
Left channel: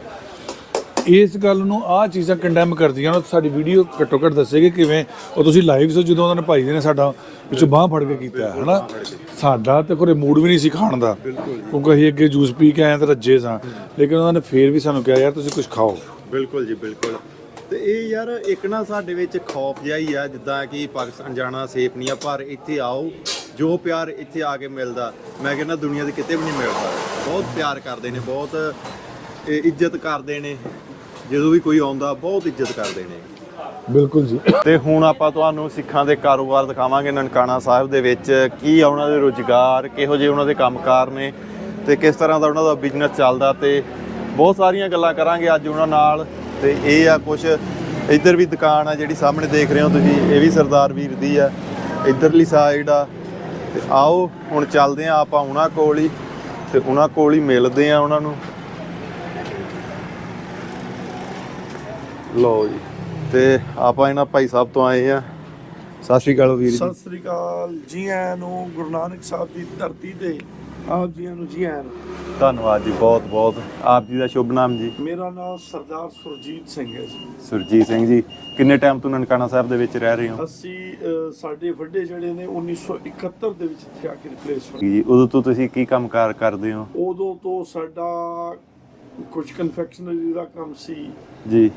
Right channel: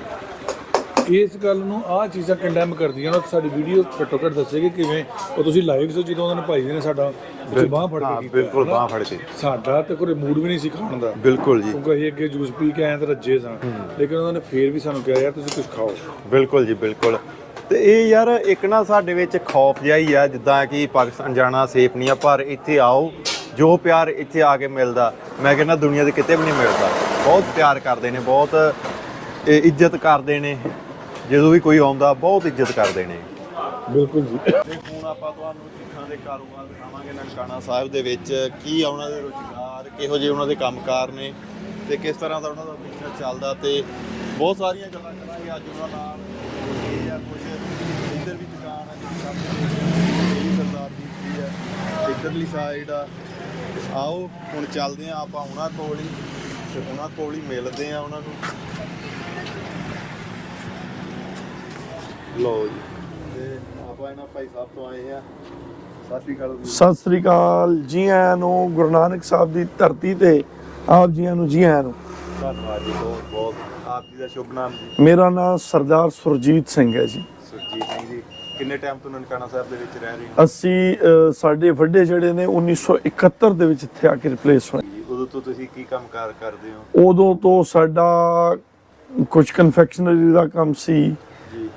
ਇਸ ਗੱਲ ਨੂੰ ਆਹ ਚੀਜ਼ਾਂ ਕੰਡੈਮ ਕਰਦੀਆਂ ਨੇ ਸਾਡੀ ਵੀਡੀਓ ਘੱਟੋ ਘੱਟ ਦੱਸੇਗੀ ਕਿਵੇਂ। ਉਹ ਤੁਸੀਂ ਲਾਈਵ ਸੋ ਜਦੋਂ ਉਹਨਾਂ ਨੇ ਭਾਈ ਜੀ ਨੇ ਸਾਡਾ ਵਿੱਚ ਬਾਹ ਫੜ ਕੇ ਕੀਤਾ ਫੜ ਕੇ। ਸਾਡਾ ਤੇ ਕੋਈ ਮੂਡ ਵੀ ਨਹੀਂ ਸੀ ਖਾਣ ਦਾ। ਬਿਲਕੁਲ ਜੀ। ਕਿਉਂਕਿ ਅਸੀਂ ਅੱਗੇ ਜੂਸ ਪੀ ਕੇ ਆਏ ਤਾਂ ਰੱਜੇ ਸਾਂ। ਲੇਕਿਨ ਉਹਨਾਂ ਨੇ ਫੇਰ ਵੀ ਸਾਨੂੰ ਕਿਹਾ ਯਾਰ ਤੁਸੀਂ ਕੁਝ ਖਾਓ। ਬਿਲਕੁਲ ਜੀ ਬਿਲਕੁਲ। ਤੇ ਇਹ ਯਾਰ ਇੱਕ ਨਾ ਸਾਡੇ ਵਿੱਚ ਖੌਫ ਜਿਹਾ ਹੀ ਆ ਜਿੱਦਾਂ ਕਿ ਪਾਕਿਸਤਾਨ ਜਾਣਾ ਸੇਫ ਨਹੀਂ ਆ ਪਰ ਇੱਥੇ ਆਓ ਜੋ ਪਿਆਰ ਇੱਥੇ ਆ ਕੇ ਮਿਲਦਾ ਮੈਂ ਕਹਿੰਦਾ ਦੁਨੀਆ ਦੇ ਕਿਤੇ ਵੀ ਨਹੀਂ ਮਿਲਦਾ। ਬਹੁਤ ਪਿਆਰ ਕਰਦੇ ਨੇ ਬਹੁਤ ਇੱਜ਼ਤ ਕਰਦੇ ਨੇ। ਜਦੋਂ ਵੀ ਕੋਈ ਆਉਂਦਾ ਬਹੁਤ ਇੱਜ਼ਤ ਕਰਦੇ ਨੇ। ਬਿਲਕੁਲ ਜੀ। ਤੇ ਹੁਣ ਆਪਾਂ ਤੁਹਾਨੂੰ ਸਿੱਖਾਂ ਦੇ ਕਾਰੋਬਾਰ ਦਿਖਾਵਾਂਗੇ ਨਨਕਾਣਾ ਸਾਹਿਬ ਦੇ ਵਿੱਚ ਕੀ ਆ ਉਹਨਾਂ ਦੇ ਰੁਜ਼ਗਾਰ ਕਿਹੋ ਜਿਹੇ ਉਹਨਾਂ ਦੇ ਕੰਮਕਾਰ ਨੇ ਤੇ ਕਿਸ ਤਰ੍ਹਾਂ ਦਾ ਉਹਨਾਂ ਦਾ ਬਿਜ਼ਨਸ ਚੱਲਦਾ ਤੇ ਬਹੁਤ ਸਾਰੀਆਂ ਗੱਲਾਂ ਕਰਾਂਗੇ ਅੱਜ ਉਹਨਾਂ ਨਾਲ। ਤੇ ਇਹ ਆ ਕੁਝ ਇੱਧਰ ਵੀ ਦੁਕਾਨ ਆ ਜਿਹੜੀ ਸਾਹਮਣੇ ਦੇਖ ਰਹੇ ਹੋ ਤੁਸੀਂ ਇਹ ਵੀ ਸਰਦਾਰ ਵੀਰ ਦੀ ਆ। ਇੱਧਰਲੀ ਸਾਈਡ ਆ। ਆਓ ਹੁਣ ਚੱਲਦੇ ਆ ਆਪਾਂ ਉਹਨਾਂ ਕੋਲ ਹੀ ਤੇ ਉਹਨਾਂ ਕੋਲ ਹੀ ਮਿਲਦੇ ਆ ਉਹਨਾਂ ਨੂੰ। ਲਓ ਜੀ। ਤੇ ਆਪਾਂ ਇਹਨਾਂ ਭਾਈ ਸਾਹਿਬ ਤੋਂ ਆਏ ਆ ਸਤਿ ਸ਼੍ਰੀ ਅਕਾਲ ਵੀਰ ਸਤਿ ਸ੍ਰੀ ਅਕਾਲ ਜੀ ਆਇਆਂ ਨੂੰ ਗੁਰੂ ਨਾਨਕ ਸਾਹਿਬ ਦੀ ਧਰਤੀ ਤੇ ਆਪ ਜੀਆਂ ਨੂੰ ਜੀ ਆਇਆਂ ਨੂੰ। ਧੰਨਵਾਦ ਜੀ ਬਹੁਤ ਬਹੁਤ। ਆਪ ਜੀ ਦਾ ਸ਼ੁਭ ਨਾਮ ਜੀ। ਮੇਰਾ ਨਾਮ ਸਰਦਾਰ ਸੁਰਜੀਤ ਸਿੰਘ ਹੈ ਜੀ। ਸੁਰਜੀਤ ਸਿੰਘ ਜੀ ਕਿੰਨੇ ਟਾਈਮ ਤੋਂ ਨਨਕਾਣਾ ਸਾਹਿਬ ਦੇ ਵਿੱਚ ਰਹਿ ਰਹੇ ਹੋ? ਅਸੀਂ ਅ, ਸਾਡੇ ਵੱਡੇ ਜਿਹੜੇ ਨੇ 1971 ਦੇ ਵਿੱਚ ਇੱਥੇ ਆ ਕੇ ਰਿਪਲੇਸ ਹੋਏ। ਜੀ ਉਦੋਂ ਤੋਂ ਤੁਸੀਂ ਕੀ ਕੰਮਕਾਰ ਕਰਦੇ ਹੋ? ਉਦੋਂ ਤੋਂ ਸਾਡਾ ਕੁਝ ਕਨਫੈਕਸ਼ਨਰੀ ਦਾ ਕੰਮ ਸੀ। ਜੀ।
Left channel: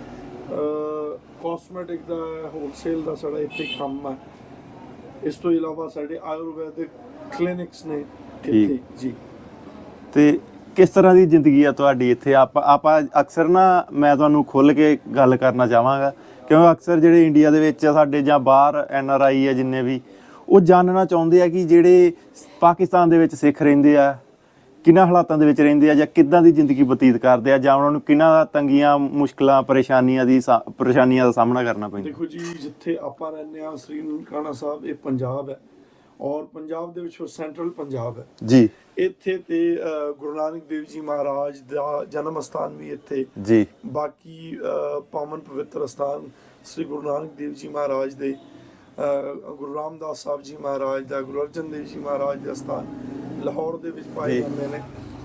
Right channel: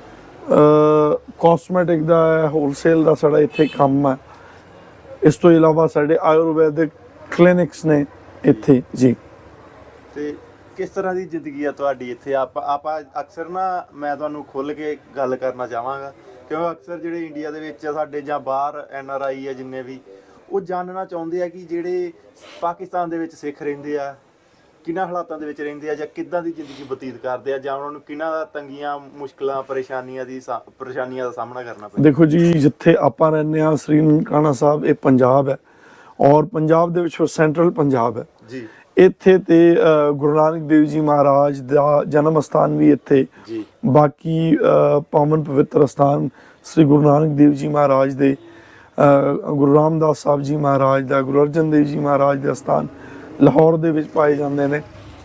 ਕਾਸਮੈਟਿਕ ਦਾ ਹੋਲਸੇਲ ਦਾ ਸਾਡਾ ਇੱਥੇ ਕੰਮ ਹੈ। ਇਸ ਤੋਂ ਇਲਾਵਾ ਸਾਡੇ ਆਯੁਰਵੈਦਿਕ ਕਲੀਨਿਕਸ ਨੇ ਇੱਥੇ ਜੀ। ਤੇ ਕਿਸ ਤਰ੍ਹਾਂ ਦੀ ਜ਼ਿੰਦਗੀ ਆ ਤੁਹਾਡੀ ਇੱਥੇ? ਆਪਾਂ ਆਪਾਂ ਅਕਸਰ ਨਾ ਮੈਂ ਤੁਹਾਨੂੰ ਖੁੱਲ ਕੇ ਗੱਲ ਕਰਨਾ ਚਾਹਾਂਗਾ ਕਿਉਂਕਿ ਅਕਸਰ ਜਿਹੜੇ ਇੰਡੀਆ ਦੇ ਵਿੱਚ ਸਾਡੇ ਜਾਂ ਬਾਹਰ ਐਨ ਆਰ ਆਈ ਆ ਜਿੰਨੇ ਵੀ ਉਹ ਜਾਣਨਾ ਚਾਹੁੰਦੇ ਆ ਕਿ ਜਿਹੜੇ ਪਾਕਿਸਤਾਨ ਦੇ ਵਿੱਚ ਸਿੱਖ ਰਹਿੰਦੇ ਆ ਕਿੰਨਾ ਹਾਲਾਤਾਂ ਦੇ ਵਿੱਚ ਰਹਿੰਦੇ ਆ ਜਾਂ ਕਿੱਦਾਂ ਦੀ ਜ਼ਿੰਦਗੀ ਬਤੀਤ ਕਰਦੇ ਆ ਜਾਂ ਉਹਨਾਂ ਨੂੰ ਕਿੰਨਾ ਤੰਗੀਆਂ ਮੁਸ਼ਕਲਾਂ ਪਰੇਸ਼ਾਨੀਆਂ ਦੀ ਪਰੇਸ਼ਾਨੀਆਂ ਦਾ ਸਾਹਮਣਾ ਕਰਨਾ ਪੈਂਦਾ? ਦੇਖੋ ਜੀ ਜਿੱਥੇ ਆਪਾਂ ਰਹਿੰਦੇ ਹਾਂ ਸ੍ਰੀ ਨਨਕਾਣਾ ਸਾਹਿਬ ਇਹ ਪੰਜਾਬ ਹੈ ਔਰ ਪੰਜਾਬ ਦੇ ਵਿੱਚ ਸੈਂਟਰਲ ਪੰਜਾਬ ਹੈ। ਜੀ। ਇੱਥੇ ਤੇ ਗੁਰੂ ਨਾਨਕ ਦੇਵ ਜੀ ਮਹਾਰਾਜ ਦਾ ਜਨਮ ਸਥਾਨ ਵੀ ਇੱਥੇ। ਜੀ। ਬਾਕੀ ਪਾਵਨ ਪਵਿੱਤਰ ਸਥਾਨ ਸ੍ਰੀ ਗੁਰੂ ਨਾਨਕ ਦੇਵ ਜੀ ਮਹਾਰਾਜ ਦੇ ਗੁਰੂ ਰਾਮਦਾਸ ਸਾਹਿਬ ਜੀ ਮਹਾਰਾਜ ਦਾ ਗੁਰੂ ਅਰਜਨ ਦੇਵ ਜੀ ਮਹਾਰਾਜ ਦੇ ਸਥਾਨ ਲਾਹੌਰ ਦੇ ਵਿੱਚ ਪਾਏ ਜਾਂਦੇ ਨੇ।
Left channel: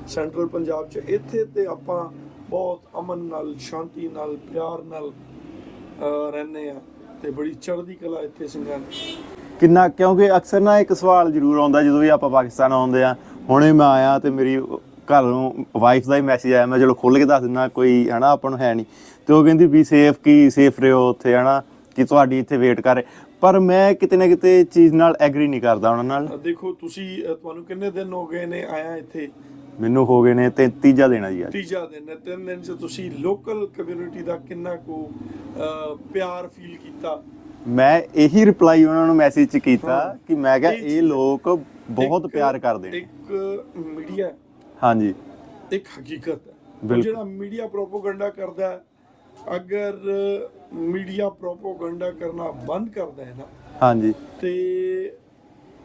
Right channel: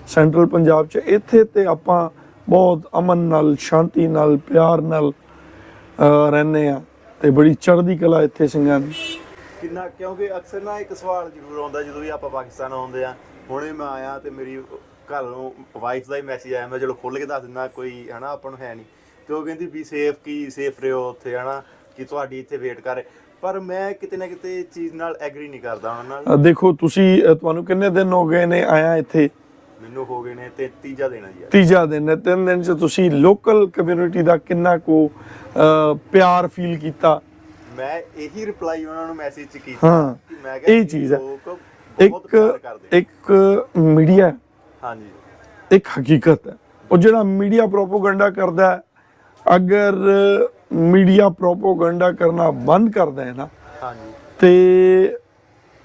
ਸੈਂਟਰਲ ਪੰਜਾਬ 'ਚ ਇੱਥੇ ਤੇ ਆਪਾਂ ਬਹੁਤ ਅਮਨ ਨਾਲ ਸ਼ਾਂਤੀ ਨਾਲ ਪਿਆਰ ਨਾਲ ਰਹਿੰਦੇ ਆ ਤੇ ਬੜੀ ਚੜ੍ਹਦੀ ਕਲਾ ਇੱਥੇ ਸਿੰਘਾਂ ਦੀ। ਕਿੰਨਾ ਕਿਉਂਕਿ ਅਕਸਰ ਨਾ ਇੱਕ ਸਵਾਲ ਜ਼ਰੂਰ ਆਉਂਦਾ ਜਦੋਂ ਵੀ ਆਪਾਂ ਪਾਕਿਸਤਾਨ ਆਉਂਦੇ ਆ ਹੁਣੇ ਮੈਂ ਆਇਆ ਤੇ ਮੇਰੀ ਘਰੋਂ ਵਾਈਫ ਦਾ ਹੀ ਮੈਸੇਜ ਆਇਆ ਮੈਂ ਚਲੋ ਖੁੱਲ ਕੇ ਦੱਸ ਦਿੰਦਾ ਕੋਈ ਹਨਾ ਆਪਾਂ ਨੂੰ ਹੈ ਨਹੀਂ ਤੇ ਉਹ ਕਹਿੰਦੀ ਵੀ ਸੇਫ ਕੀ ਸੇਫ ਰਹੋ ਉੱਥੇ ਹਨਾ ਕਿ ਤੁਹਾਡੀ ਇੱਥੇ ਵੇਟ ਕਰ ਪਰ ਮੈਂ ਕਿਤੇ ਨਾ ਕਿਤੇ ਚੀਜ਼ ਨਾਲ ਐਗਰੀ ਨਹੀਂ ਕਰਦਾ ਉਹਨਾਂ ਨਾਲ। ਦੇਖੋ ਤੁਸੀਂ ਤੁਹਾਨੂੰ ਕਿੰਨੇ ਦਿਨ ਹੋ ਗਏ ਨੇ ਆਇਆ ਇੱਥੇ? ਮੈਨੂੰ ਹੋ ਗਏ ਨੇ ਤੇ ਤੀਜਾ ਦੇਣਾ ਜੀ। ਤੀਜਾ ਦਿਨ ਹੈ ਤਿੰਨ ਦਿਨ ਚ ਤੁਸੀਂ ਲੋਕਲ ਕਮਿਊਨਿਟੀ ਦਾ ਕਿੰਨਾ ਕੋ ਪਿਆਰ ਫੀਲ ਕੀਤਾ? ਮੈਂ ਇਹੀ ਰਿਪਲਾਈ ਉਹਨਾਂ ਨੂੰ ਮੈਸੇਜ ਚ ਕੀਤਾ ਕਿ ਮੈਂ ਕਿਹਾ ਇਹ। ਲੋਕ ਬਹੁਤ ਪਿਆਰ ਕਰਦੇ ਨੇ। ਇੱਕ ਮੀਡੀਆ ਹਾਂਜੀ। ਇੱਕ ਹਕੀਕਤ ਹੈ। ਉਹ ਜਿਹੜਾ ਮੀਡੀਆ ਪ੍ਰੋਪੋਗੈਂਡਾ ਕਰਦਾ ਹੈ ਅਗਰ ਮੀਡੀਆ ਪ੍ਰੋਪੋਗੈਂਡਾ ਕਰਨਾ ਬੰਦ ਕਰਦਾ ਹੈ ਨਾ ਹਾਂਜੀ। ਤੇ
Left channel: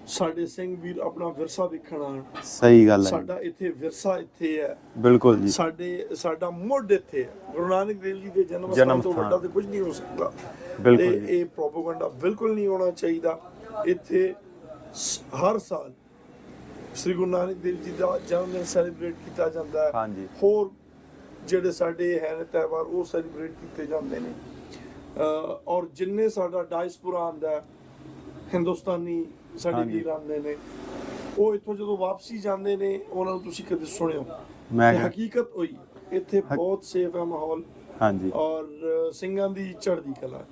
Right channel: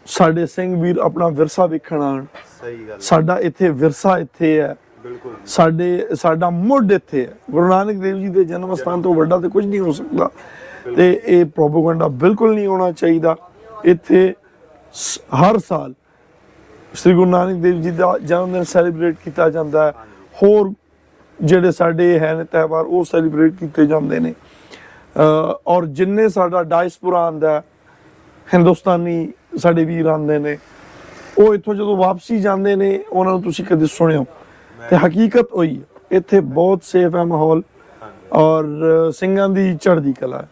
ਸਾਡੇ ਸਿੰਘ ਵੀਰ ਆਪਣਾ ਵਿਰਸਾ ਵੇਖਣ ਆਉਣ। ਸਹੀ ਗੱਲ ਹੈ। ਸਾਡਾ ਇੱਥੇ ਵਿਰਸਾ ਇੱਥੇ ਹੈ। ਬਿਲਕੁਲ ਜੀ। ਸਾਡੇ ਸਾਡਾ ਮੁੱਢ ਇੱਥੇ ਹੈ। ਗੁਰੂ ਨਾਨਕ ਦੇਵ ਜੀ ਦੇ ਜਨਮ ਸਥਾਨ ਤੋਂ ਵੱਡਾ ਤੇ ਕੁਝ ਨਹੀਂ ਹੋ ਸਕਦਾ। ਤੇ ਇਹ ਪ੍ਰੋਪਗੈਂਡਾ ਬਿਲਕੁਲ ਨਹੀਂ ਹੋਣਾ ਚਾਹੀਦਾ। ਇੱਥੇ ਹਰ ਸਾਲ ਸ੍ਰੀ ਗੁਰੂ ਨਾਨਕ ਦੇਵ ਜੀ ਦਾ ਜਨਮ ਦਿਨ ਸੈਲੀਬ੍ਰੇਟ ਕੀਤਾ ਜਾਂਦਾ ਹੈ। ਹੋਰ ਜਿਹੜੇ ਸਾਡੇ ਹੈ ਨੇ ਤਿਉਹਾਰ ਉਹ ਸੈਲੀਬ੍ਰੇਟ ਕੀਤੇ ਜਾਂਦੇ ਨੇ। ਔਰ ਜਿੰਨੇ ਸਾਡਾ ਡਾਇਸਪੋਰਾ ਆਂਦਾ ਹਿੰਦੁਸਤਾਨੀ ਸਾਡੇ ਵੀਰ ਆਂਦੇ ਨੇ ਉਹ ਇੱਥੋਂ ਜਦੋਂ ਵਾਪਸੀ ਜਾਂਦੇ ਨੇ ਉਹਨਾਂ ਨੂੰ ਤੁਸੀਂ ਕਦੇ ਸੁਣਿਓ ਤੇ ਹਕੀਕਤ ਹੋਈ ਇੱਥੇ ਬਹੁਤ ਸੇਫ ਹੈ ਮਾਹੌਲ ਹਾਂਜੀ। ਔਰ ਸਿੰਘਾਂ ਦੀ ਚੜ੍ਹਦੀ ਕਲਾ ਹੈ।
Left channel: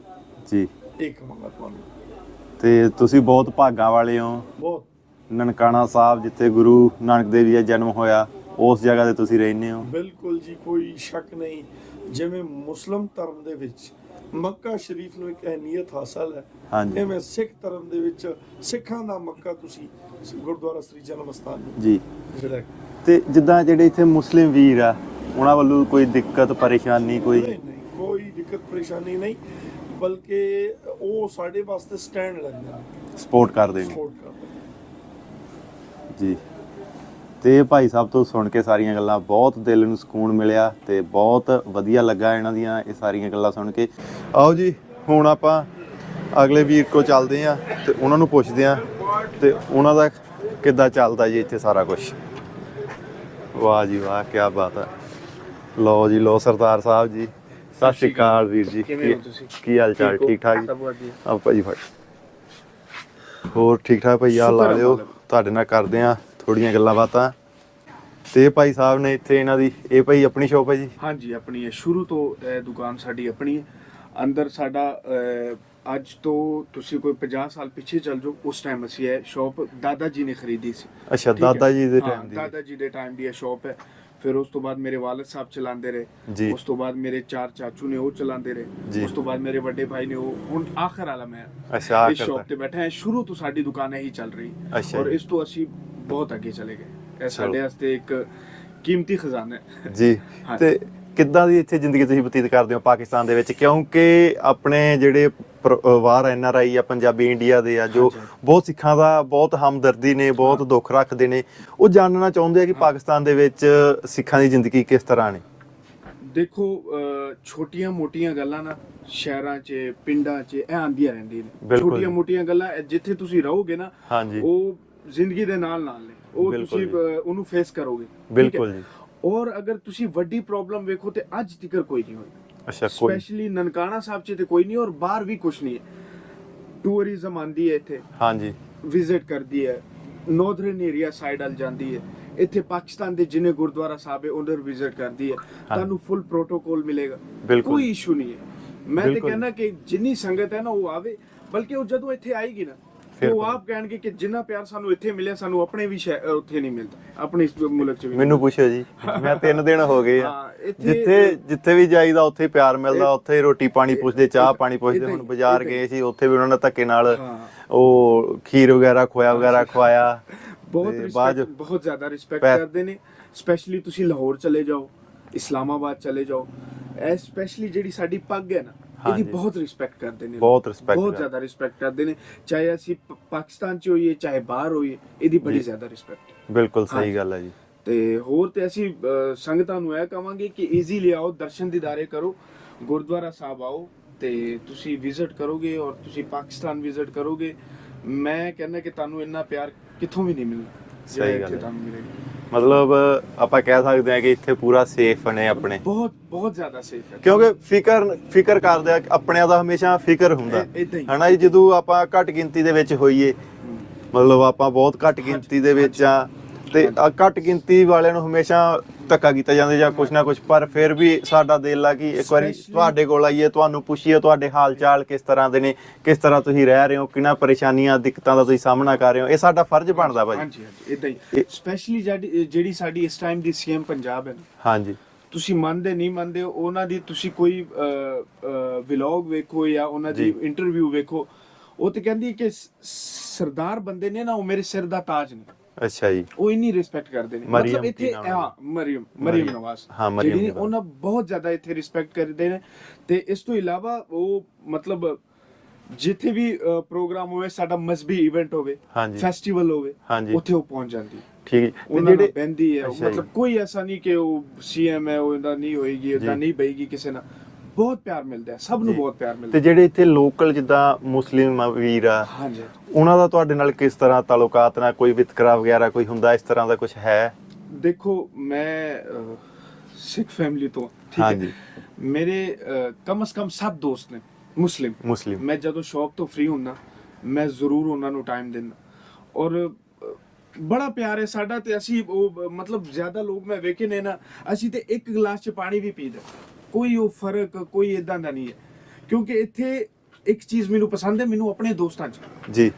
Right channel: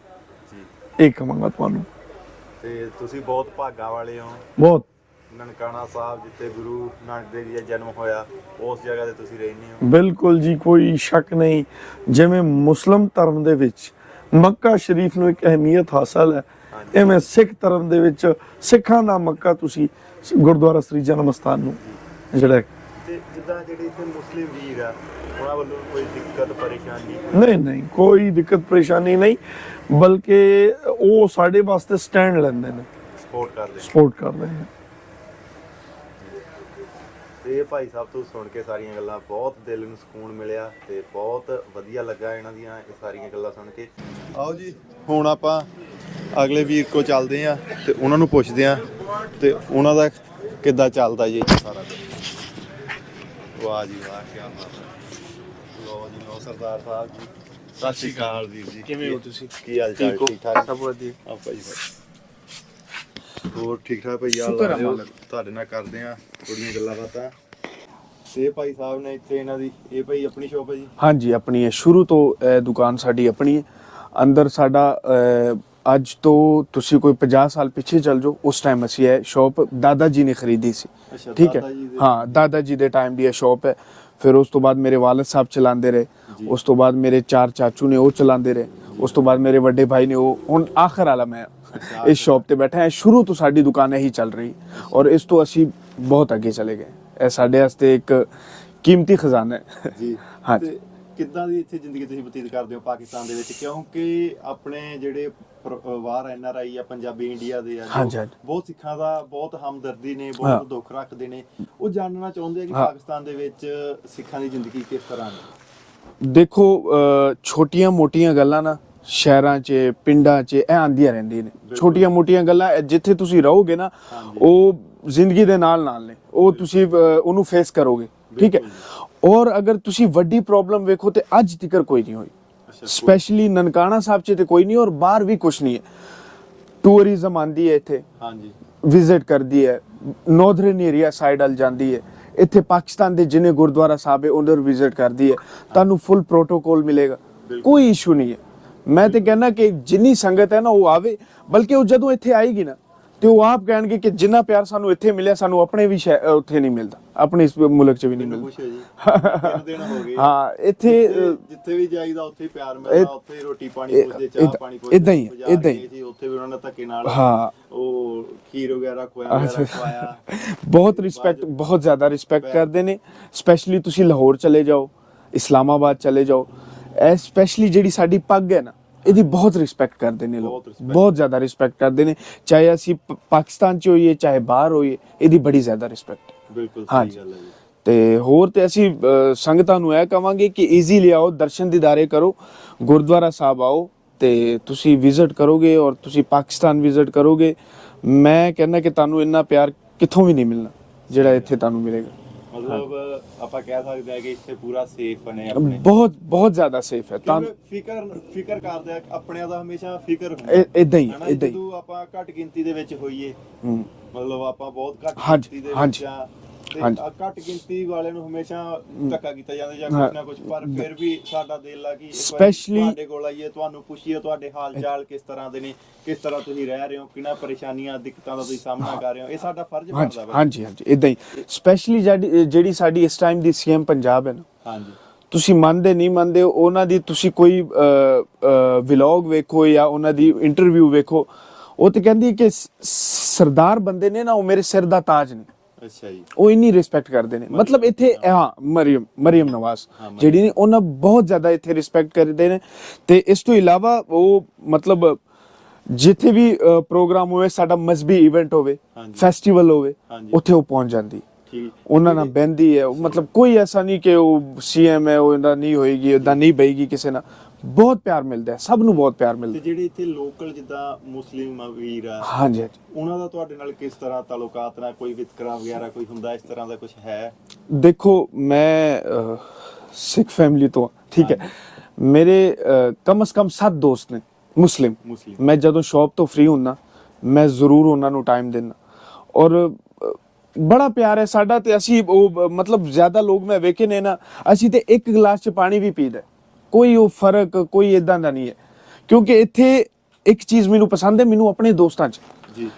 ਜੀ। ਇਹ ਕਹਾਂਗਾ ਤੁਹਾਨੂੰ। ਤੇ ਤੁਸੀਂ ਬਹੁਤ ਭਾਗਾਂ ਵਾਲੇ ਹੋ। ਬਹੁਤ। ਨਨਕਾਣਾ ਸਾਹਿਬ ਜਿੱਥੇ ਗੁਰੂ ਨਾਨਕ ਦੇਵ ਜੀ ਦਾ ਜਨਮ ਹੋਇਆ ਉਸ ਜਗ੍ਹਾ ਤੇ ਤੁਸੀਂ ਰਹਿੰਦੇ ਹੋ। ਬਿਲਕੁਲ ਜੀ ਕੋਈ ਸ਼ੱਕ ਨਹੀਂ। ਜਿਵੇਂ ਮੁਸਲਮ ਧਰਮ ਦੇ ਵਿੱਚ ਮੱਕਾ ਸ਼ਰੀਫ ਨੂੰ ਇੱਕ ਅਹਿਮੀਅਤ ਹਾਸਲ ਹੈ। ਐਵੇਂ ਸਿੱਖ ਧਰਮ ਦੇ ਵਿੱਚ ਸਿੱਖਾਂ ਦਾ ਮੱਕਾ ਤੁਸੀਂ ਗੁਰਦੁਆਰਾ ਸ੍ਰੀ ਜਨਮ ਸਥਾਨ ਨੂੰ ਜੀ। ਜਿਹੜਾ। ਤੇ ਜਿੱਦਾਂ ਜਿਹੜੇ ਇੱਥੇ ਮੁਸਲਿਮ ਵੀਰ ਆ ਉਹਨਾਂ ਵੱਲੋਂ ਕੋਈ ਦਿੱਕਤ ਪਰੇਸ਼ਾਨੀ ਕੋਈ? ਨਹੀਂ ਨਹੀਂ ਕੋਈ ਦਿੱਕਤ ਪਰੇਸ਼ਾਨੀ ਨਹੀਂ ਬਲਕਿ ਉਹ ਸਾਡੇ ਵਾਸਤੇ ਸਟੈਂਡ ਲੈਂਦੇ ਨੇ। ਸਪੋਰਟ ਕਰਦੇ ਨੇ। ਸਪੋਰਟ ਕਰਦੇ ਨੇ। ਜੀ। ਤੇ ਭਾਈ ਸਾਹਿਬ ਤੋਂ ਸੁਣ ਕੇ ਸਾਰੀਆਂ ਗੱਲਾਂ ਬਹੁਤ ਦਿਲ ਨੂੰ ਸਕੂਨ ਮਿਲਿਆ ਤੇ ਬਹੁਤ ਵਧੀਆ ਲੱਗਾ ਇਹਨਾਂ ਦੀਆਂ ਇਹ ਸਾਰੀਆਂ ਗੱਲਾਂ ਸੁਣ ਕੇ ਆਓ ਜੀ ਹੁਣ ਆਪਾਂ ਅਗਲੇ ਵੀਰ ਕੋ ਚੱਲਦੇ ਆ ਤੇ ਉਹਨਾਂ ਨੂੰ ਪੁੱਛਦੇ ਆ ਤੇ ਉਹਨਾਂ ਦਾ ਕਿੱਦਾਂ ਚੱਲਦਾ ਜੀ ਇੱਥੇ ਸਾਰਾ ਕੁਝ ਵਾਹ ਜੀ ਵਾਹ ਕੀ ਬਾਤ ਹੈ ਲਓ ਜੀ ਲਓ ਸਰਦਾਰ ਸਾਹਿਬ ਜੀ ਸਤਿ ਸ਼੍ਰੀ ਅਕਾਲ ਵੀਰ ਜੀ ਕਿਵੇਂ ਹੋ ਤੁਸੀਂ? ਕੀ ਹਾਲ ਚਾਲ ਠੀਕ? ਠੀਕ ਸਭ ਵਧੀਆ। ਆ ਭਾਜੀ ਫੜ ਹੋਰ ਠੀਕ ਠਾਕ ਭਾਈ ਆ ਲਾ ਲਿਓ। ਤੁਹਾਡੇ ਨਾਲ ਕਰਦੇ ਆ ਥੋੜੀਆਂ ਗੱਲਾਂ ਬਾਤਾਂ। ਤੇ ਭਾਈ ਸਾਹਿਬ ਨੇ ਇੱਥੇ ਇਹਨਾਂ ਦੀ ਇਹ ਭਾਈ ਆਪਣੀ ਸ਼ੋਪ ਹੈ ਜੀ? ਹਾਂਜੀ ਆਪਣੀ ਹੈ। ਸ਼ੁਰੂ ਤੋਂ ਇਹ ਦੁਕਾਨ ਸਾਡੀ ਆਪਣੀ ਹੈ। ਅੰਦਰ ਸਾਡਾ ਅਹ, ਅੱਜ ਤੋਂ ਤੁਸੀਂ ਕੋਈ 50 ਸਾਲ ਪਿੱਛੇ ਚੱਲ ਜਾਓ ਉਸ ਟਾਈਮ ਅਸੀਂ ਇਹ ਸ਼ਾਪ ਦਾਦਾ ਜੀ ਨੇ ਖਰੀਦੀ ਸੀ। ਅੱਛਾ ਠੀਕ ਹੈ? ਦਾਦਾ ਜੀ ਦੇ ਹਾਂ ਦੀ। ਦਾਦਾ ਜੀ ਦੇ ਟਾਈਮ ਦੀ ਇਹ ਸ਼ਾਪ ਹੈ। ਫਿਰ ਉਸ ਤੋਂ ਬਾਅਦ ਮੇਰੇ ਵਾਲਦ ਸਾਹਿਬ ਚਲਾਉਂਦੇ ਰਹੇ। ਉਸ ਤੋਂ ਬਾਅਦ ਮੇਰੇ ਚਾਰ ਚਾਚੂ ਨੇ ਉਹ ਚਲਾਉਂਦੇ ਰਹੇ। ਉਸ ਤੋਂ ਬਾਅਦ ਮੇਰੇ ਵੱਡੇ ਭਾਈ ਨੇ ਉਹ ਹੁਣ ਆਖਰ ਵਾਲਾ ਮੈਂ ਅੱਛਾ, ਇਸ ਸ਼ਾਪ। ਤੇ ਬੈਠਾ ਹਾਂ ਸ਼ੁਰੂ ਤੋਂ ਸਾਡੀ ਦੁਕਾਨ ਇਹੀ ਚੱਲ ਰਹੀ। ਔਰ ਇਸ ਤੋਂ ਅਸੀਂ ਬਹੁਤ ਅੱਗੇ ਚਲੇ ਗਏ ਇਹ ਸਾਡੇ ਵਾਸਤੇ ਇੱਕ ਕੀਮਤੀ ਖਜ਼ਾਨਾ ਹੈ ਜੀ ਹਾਂ। ਤੇ ਕਿੱਦਾਂ ਦੀ ਇੱਥੇ ਜ਼ਿੰਦਗੀ ਤੁਸੀਂ ਬਤੀਤ ਕਰਦੇ ਹੋ ਪਾਕਿਸਤਾਨ ਦੇ ਵਿੱਚ ਕਿਉਂਕਿ ਆਪਣੇ ਜਿਹੜੇ ਪਰਿਵਾਰ ਐਨ ਆਰ ਆਈ ਆ ਪੰਜਾਬੀ ਇੰਡੀਆ ਦੇ ਆ ਜੋ। ਬਹੁਤ ਸਿੱਖਾਂ ਦਾ ਬਹੁਤ ਹਮਦਰਦੀ ਨੇ ਬਹੁਤ। ਦੁੱਖ ਰੱਖਦੇ ਨੇ ਉਹ ਜਾਣਨਾ ਚਾਹੁੰਦੇ ਆ ਕਿ ਪਾਕਿਸਤਾਨ ਦੇ ਵਿੱਚ ਸਿੱਖਾਂ ਦੀ ਜ਼ਿੰਦਗੀ ਕਿਸ ਤਰ੍ਹਾਂ ਨੇ ਦੇਖੋ ਛੋਟੀਆਂ ਮੋਟੀਆਂ ਗੱਲਾਂ ਨਾ ਸ਼ਹਿਰਾਂ 'ਚ ਪਿੰਡਾਂ 'ਚ ਇਹ ਆਂਦੀਆਂ ਰਹਿੰਦੀਆਂ ਨੇ ਬਿਲਕੁਲ। ਛੋਟੀਆਂ ਮੋਟੀਆਂ ਗੱਲਾਂ ਜਿੱਥੇ ਤੁਸੀਂ ਰਹੋਗੇ ਨਾ। ਉਹ ਜ਼ਿੰਦਗੀ ਦੇ ਨਾਲ ਨਾਲ ਨੇ ਉਹ ਤੁਸੀਂ ਉਹਨੂੰ ਫੇਸ ਕਰੋਗੇ। ਠੀਕ ਹੈ। ਔਰ ਅਗਰ ਤੁਸੀਂ ਵੱਡੀ ਪ੍ਰੋਬਲਮ ਵੇਖੋ ਤੇ ਅੱਜ ਤੱਕ ਕੋਈ ਨਹੀਂ ਹੋਈ। ਅੱਛਾ ਸਪੈਸ਼ਲੀ ਨਨਕਾਣਾ ਸਾਹਿਬ 'ਚ ਤੇ ਕੋਈ ਨਹੀਂ ਔਰ ਬਾਹਰ ਵੀ ਕੁਝ ਨਹੀਂ ਹੈ। ਟੂਰਿਜ਼ਮ ਆਂਦੀ ਹੈ ਇੱਥੇ। ਹਾਂਜੀ। ਵਿਜ਼ਿਟ ਕਰਦੀ ਹੈ। ਨਾਰਥਰਨ ਏਰੀਆ ਸਾਈਡ ਵੱਲ ਜਾਂਦੀ ਹੈ। ਇੱਥੇ ਪਾਕਿਸਤਾਨ ਦੇ ਜਿਨੇ ਗੁਰਦੁਆਰਾ ਸਾਹਿਬ ਹੈ ਉਹਨਾਂ ਵਿਜ਼ਿਟ ਕਰਦੀ ਹੈ। ਤੁਹਾਨੂੰ ਫੁੱਲ ਪ੍ਰੋਟੋਕੋਲ ਮਿਲੇਗਾ। ਕੋਈ ਇਸ਼ੂ ਨਹੀਂ ਹੈ। ਮੈਂ ਤੇ। ਕਹਿੰਦਾ ਕਿ ਜਿੰਨੀ ਸੰਗਤ ਹੈ ਨਾ ਉਹ ਆਵੇ ਬਲਕਿ ਉਹ ਜਦੋਂ ਇੱਥੇ ਆਏਗੀ ਨਾ ਤੇ ਉਹ ਆਪ ਕਹਿਣਗੇ ਕਿ ਜਿੰਨਾ ਪਿਆਰ ਸਾਨੂੰ ਇੱਥੇ ਮਿਲਿਆ ਸਾਨੂੰ ਆਪਣੇ ਵੀ ਸ਼ਹਿ- ਅਹ ਉੱਥੇ ਨਹੀਂ ਮਿਲਦਾ ਆਪਣੇ ਇਸ ਮੁਲਕ 'ਚ ਵੀ ਨਹੀਂ ਮੈਨੂੰ। ਪੁੱਛਿਓ ਜੀ ਮੈਂ ਤਿੰਨ ਦਿਨ ਹੋ ਗਏ ਆ। ਹਾਂ, ਇੱਥੇ- ਜਿੱਥੇ ਜਿੱਥੇ ਵੀ ਜਾਈਦਾ ਉੱਥੇ ਪਿਆਰ ਮਿਲਦਾ ਉੱਥੇ ਰੋਟੀ ਪਾਣੀ ਪੁੱਛਦੇ ਚਾਹ ਏਦਾਂ- ਪਾਣੀ ਏਦਾਂ ਪੁੱਛਦੇ ਹੀ, ਬਾਜ਼ਾਰ ਏਦਾਂ ਹੀ। ਗਏ ਸੀ ਉੱਥੇ ਵੀ ਉਹਨਾਂ ਨੇ ਧੱਕੇ ਨਾਲ ਹਾਂ। ਉਹ ਖੀਰ ਵਗੈਰਾ ਖੋਇਆ ਵਗੈਰਾ ਖਵਾਇਆ ਬਹੁਤ ਤੇ ਰਿਸਪੈਕਟ ਬਹੁਤ ਜ਼ਿਆਦਾ ਰਿਸਪੈਕਟ ਪੈ- ਕਰਦੇ ਨੇ ਸਪੈਸ਼ਲੀ ਤੁਸੀਂ ਲਾਹੌਰ ਚਲੇ ਜਾਓ ਇਸਲਾਮਾਬਾਦ ਚਲੇ ਜਾਓ ਇਹ ਸਪੈਸ਼ਲੀ ਜਿਹੜੀ ਸਾਡੀ ਪੱਗ ਹੈ ਨਾ ਇਹਦੀ ਬਹੁਤ ਰਿਸਪੈਕਟ ਕਰਦੇ ਨੇ। ਬਹੁਤ respect ਬਹੁਤ। ਜ਼ਿਆਦਾ ਰਿਸਪੈਕਟ ਕਰਦੇ ਨੇ। ਚਾਹੇ ਅਸੀਂ ਪ- ਪਾਕਿਸਤਾਨ ਚ ਹੋਈਏ ਚਾਹੇ ਬਾਹਰ ਹੋਈਏ ਇਹਦੀ ਬੜੀ ਜ਼ਿਆਦਾ ਰਿਸਪੈਕਟ ਬਿਲਕੁਲ ਹਾਂਜੀ। ਸਹੀ ਗੱਲ ਹੈ ਜੀ। ਤੇ ਹੋਰ ਤੇ ਅਸੀਂ ਸੰਗਤਾਂ ਨੂੰ ਇਹ ਕਵਾਂਗੇ ਕਿ ਈਜ਼ੀਲੀ ਆਓ ਦਰਸ਼ਨ ਦੀਦਾਰੇ ਕਰੋ ਗੁਰਦੁਆਰਾ ਸਾਹਿਬ ਆਓ ਤੇ ਤੁਸੀਂ ਵਿਜ਼ਿਟ ਕਰੋਗੇ ਔਰ ਤੁਸੀਂ ਪਾਕਿਸਤਾਨ ਵਿਜ਼ਿਟ ਕਰੋਗੇ। ਮੈਂ ਕਹਿੰਦਾ ਕਿ ਤੁਹਾਨੂੰ ਇੰਨਾ ਪਿਆਰ ਕਿੱਥੋਂ ਵੀ ਨਹੀਂ ਮਿਲਣਾ ਜਿਹੜਾ ਇੱਥੇ ਤੁਹਾਨੂੰ ਮਿਲੇਗਾ। ਮਤਲਬ ਆਪਾਂ ਕਹਿ ਸਕਦੇ ਹਾਂ ਕਿ ਇੱਥੇ ਪੂਰਾ ਸੇਫ ਨੇ ਆਪਣੇ ਬਹੁਤ ਬਹੁਤ ਜ਼ਿਆਦਾ ਸੇਫ ਹੈ ਕਿਉਂਕਿ ਫਿਕਰ ਫਿਕਰ ਕਰਦੇ ਆ ਆਪਣਿਆਂ ਦਾ ਹਮੇਸ਼ਾ ਫਿਕਰ ਹੁੰਦਾ ਏਦਾਂ ਹੀ, ਹਨਾ। ਜਦੋਂ ਆਪਾਂ ਘੱਟ ਗਿਣਤੀ ਦੇ ਵਿੱਚ ਹੋਈਏ। ਮਤਲਬ ਆਪਾਂ ਬਹੁਤ ਘੱਟ ਗਿਣਤੀ ਦੇ ਵਿੱਚ ਆ ਤੇ ਘੱਟ ਗਿਣਤੀ ਵਾਲਿਆਂ ਨੂੰ ਹਮੇਸ਼ਾ ਧੱਕਾ ਕੀਤਾ ਜਾਂਦਾ ਜਾਂ ਕੁਛ ਨਾ ਕੁਛ ਪਰ ਫਿਰ ਵੀ ਸਾਡਾ ਦਿਲ ਆ ਕਿ ਇੱਕ ਵਾਰੀ ਤੁਹਾਡੇ ਕੋਲ ਆਈਏ ਤੁਹਾਨੂੰ ਪੁੱਛੀਏ ਤੁਹਾਡੇ ਹਾਲ ਚਾਲ ਕਿਸ ਤਰ੍ਹਾਂ ਦੇ ਨੇ ਕਿਸ ਤਰ੍ਹਾਂ ਤੁਸੀਂ ਰਹਿ ਰਹੇ ਹੋ ਕਿੰਨਾ ਪਰੇਸ਼ਾਨੀਆਂ ਦਿੱਕਤਾਂ ਦਾ ਤੁਸੀਂ ਸਾਹਮਣਾ ਕਰ ਰਹੇ ਹੋ ਇਹ ਸਾਡਾ ਫਰਜ਼ ਬਣਦਾ ਭਾਜੀ। ਹਾਂਜੀ ਹਾਂਜੀ ਇਦਾਂ ਹੀ। ਸਪੈਸ਼ਲੀ ਜਿਹੜੀ ਸਾਡੀ ਇਸ ਟਾਈਮ ਦੀ ਸੀਐਮ ਪੰਜਾਬ ਹੈ ਨਾ ਹਾਂਜੀ। ਤੁਸੀਂ ਮੰਨਦੇ ਨਹੀਂ ਮੰਨਦੇ ਉਹਨਾਂ ਦੀ ਤੁਸੀਂ ਕੋਈ ਵਲੌਗ ਵੇਖੋ ਜਾਂ ਉਹਨਾਂ ਦੀ ਇੰਟਰਵਿਊ ਵੇਖੋ ਉਹ ਤੇ ਕਹਿੰਦੀ ਕਿ ਸਰਦਾਰ ਬੰਦੇ ਨੇ ਨਾ ਉਹ ਮੇਰੇ ਸਿਰ ਦਾ ਤਾਜ ਨੇ। ਅੱਛਾ ਜੀ ਉਹ ਇੰਨੀ ਰਿਸਪੈਕਟ ਕਰਦੇ ਨੇ ਮਤਲਬ ਇੱਥੇ? ਹਾਂ ਮਰੀਮ ਮਰੀਮ ਨਵਾਜ਼ ਜਿਹੜੀ ਨੇ। ਉਹਨਾਂ ਬਹੁਤ ਜ਼ਿਆਦਾ ਇੱਥੇ ਰਿਸਪੈਕਟ ਕਰਦੇ ਨੇ ਤੇ ਇਸ ਤੋਂ ਇਲਾਵਾ ਉਹ ਮਤਲਬ ਜਿੱਥੇ ਵੀ ਪ੍ਰੋਗਰਾਮ ਹੋਵੇ ਸਾਡਾ ਮਜ਼ਬੀ ਇਵੈਂਟ ਹੋਵੇ। ਫੈਸਟੀਵਲ ਹੋਵੇ। ਉੱਥੇ ਉਹ ਪਹੁੰਚ ਜਾਂਦੀ। ਠੀਕ। ਉਹਨਾਂ ਨਾਲ ਬਹਿੰਦੀ ਹੈ। ਮਤਲਬ ਕੋਈ ਐਸਾ ਨਹੀਂ ਕਿ ਉਹ ਸੀਐਮ ਹੈ ਉਹ ਇਹਦਾ ਨਹੀਂ ਹੋਏਗੀ ਇਦਾਂ ਨਹੀਂ ਬਈਗੀ ਕਿਸੇ ਨਾਲ ਬਹੁਤ ਪਿਆਰ ਮਿਲਦਾ ਹੈ ਸਭ ਨੂੰ ਬਹੁਤ ਪਿਆਰ ਮਿਲਦਾ ਤੇ ਜਿਹੜੇ ਇੱਥੇ ਲੋਕਲ ਜਿੱਦਾਂ ਮੁਸਲਿਮ ਵੀਰ ਆ ਹਾਂਜੀ। ਉਹਨਾਂ ਦਾ ਤੁਹਾਡੇ ਨਾਲ ਕਿਸ ਤਰ੍ਹਾਂ ਤਾਲੁਕਾਤ ਨਾਲ ਕੋਈ ਵਿਤਕਰਾ ਵਗੈਰਾ ਕੋਈ ਹੁੰਦਾ ਇਸ ਤਰ੍ਹਾਂ ਦਾ ਕੁਝ ਹੈ? ਦੇਖੋ ਮੈਂ ਸਿੱਖ ਫੈਮਿਲੀ ਤੋਂ ਠੀਕ। ਹੈ। ਮੇਰੇ ਕਮ ਸ ਕਮ 7 ਦੋਸਤ ਨੇ ਮੁਸਲਿਮ। ਮੁਸਲਿਮ। ਮੈਂ ਜਦੋਂ ਸ਼ਾਪ ਤੋਂ ਫ੍ਰੀ ਹੁੰਦਾ ਮੈਂ ਜ਼ਰੂਰ ਉਹਨਾਂ ਨੂੰ ਟਾਈਮ ਦਿੰਦਾ। ਔਰ ਬੜਾ ਪਿਆਰ ਹੈ ਸਾਡਾ ਤੇ ਅਸੀਂ ਉਹ ਮਤਲਬ ਜ਼ਿਆਦਾ ਲੋਕ ਮੈਂ ਵੇਖੇ ਨੇ ਨਾ ਅਸੀਂ ਤੇ ਇੱਕ ਗਲਾਸ ਚ ਪਾਣੀ ਵੀ ਪੀਦਾ। ਕੋਈ ਉਹ ਫ਼ਰਕ ਕੋਈ ਇਦਾਂ ਦਾ ਨਹੀਂ ਹੈ। ਕਿਉਂਕਿ ਇੱਥੇ ਇੱਕ ਚੀਜ਼ ਮੈਨੂੰ ਪਸੰਦ ਹੈ ਮੈਨੂੰ ਆਪਣੇ ਦੋਸਤਾਂ ਚ। ਜੀ।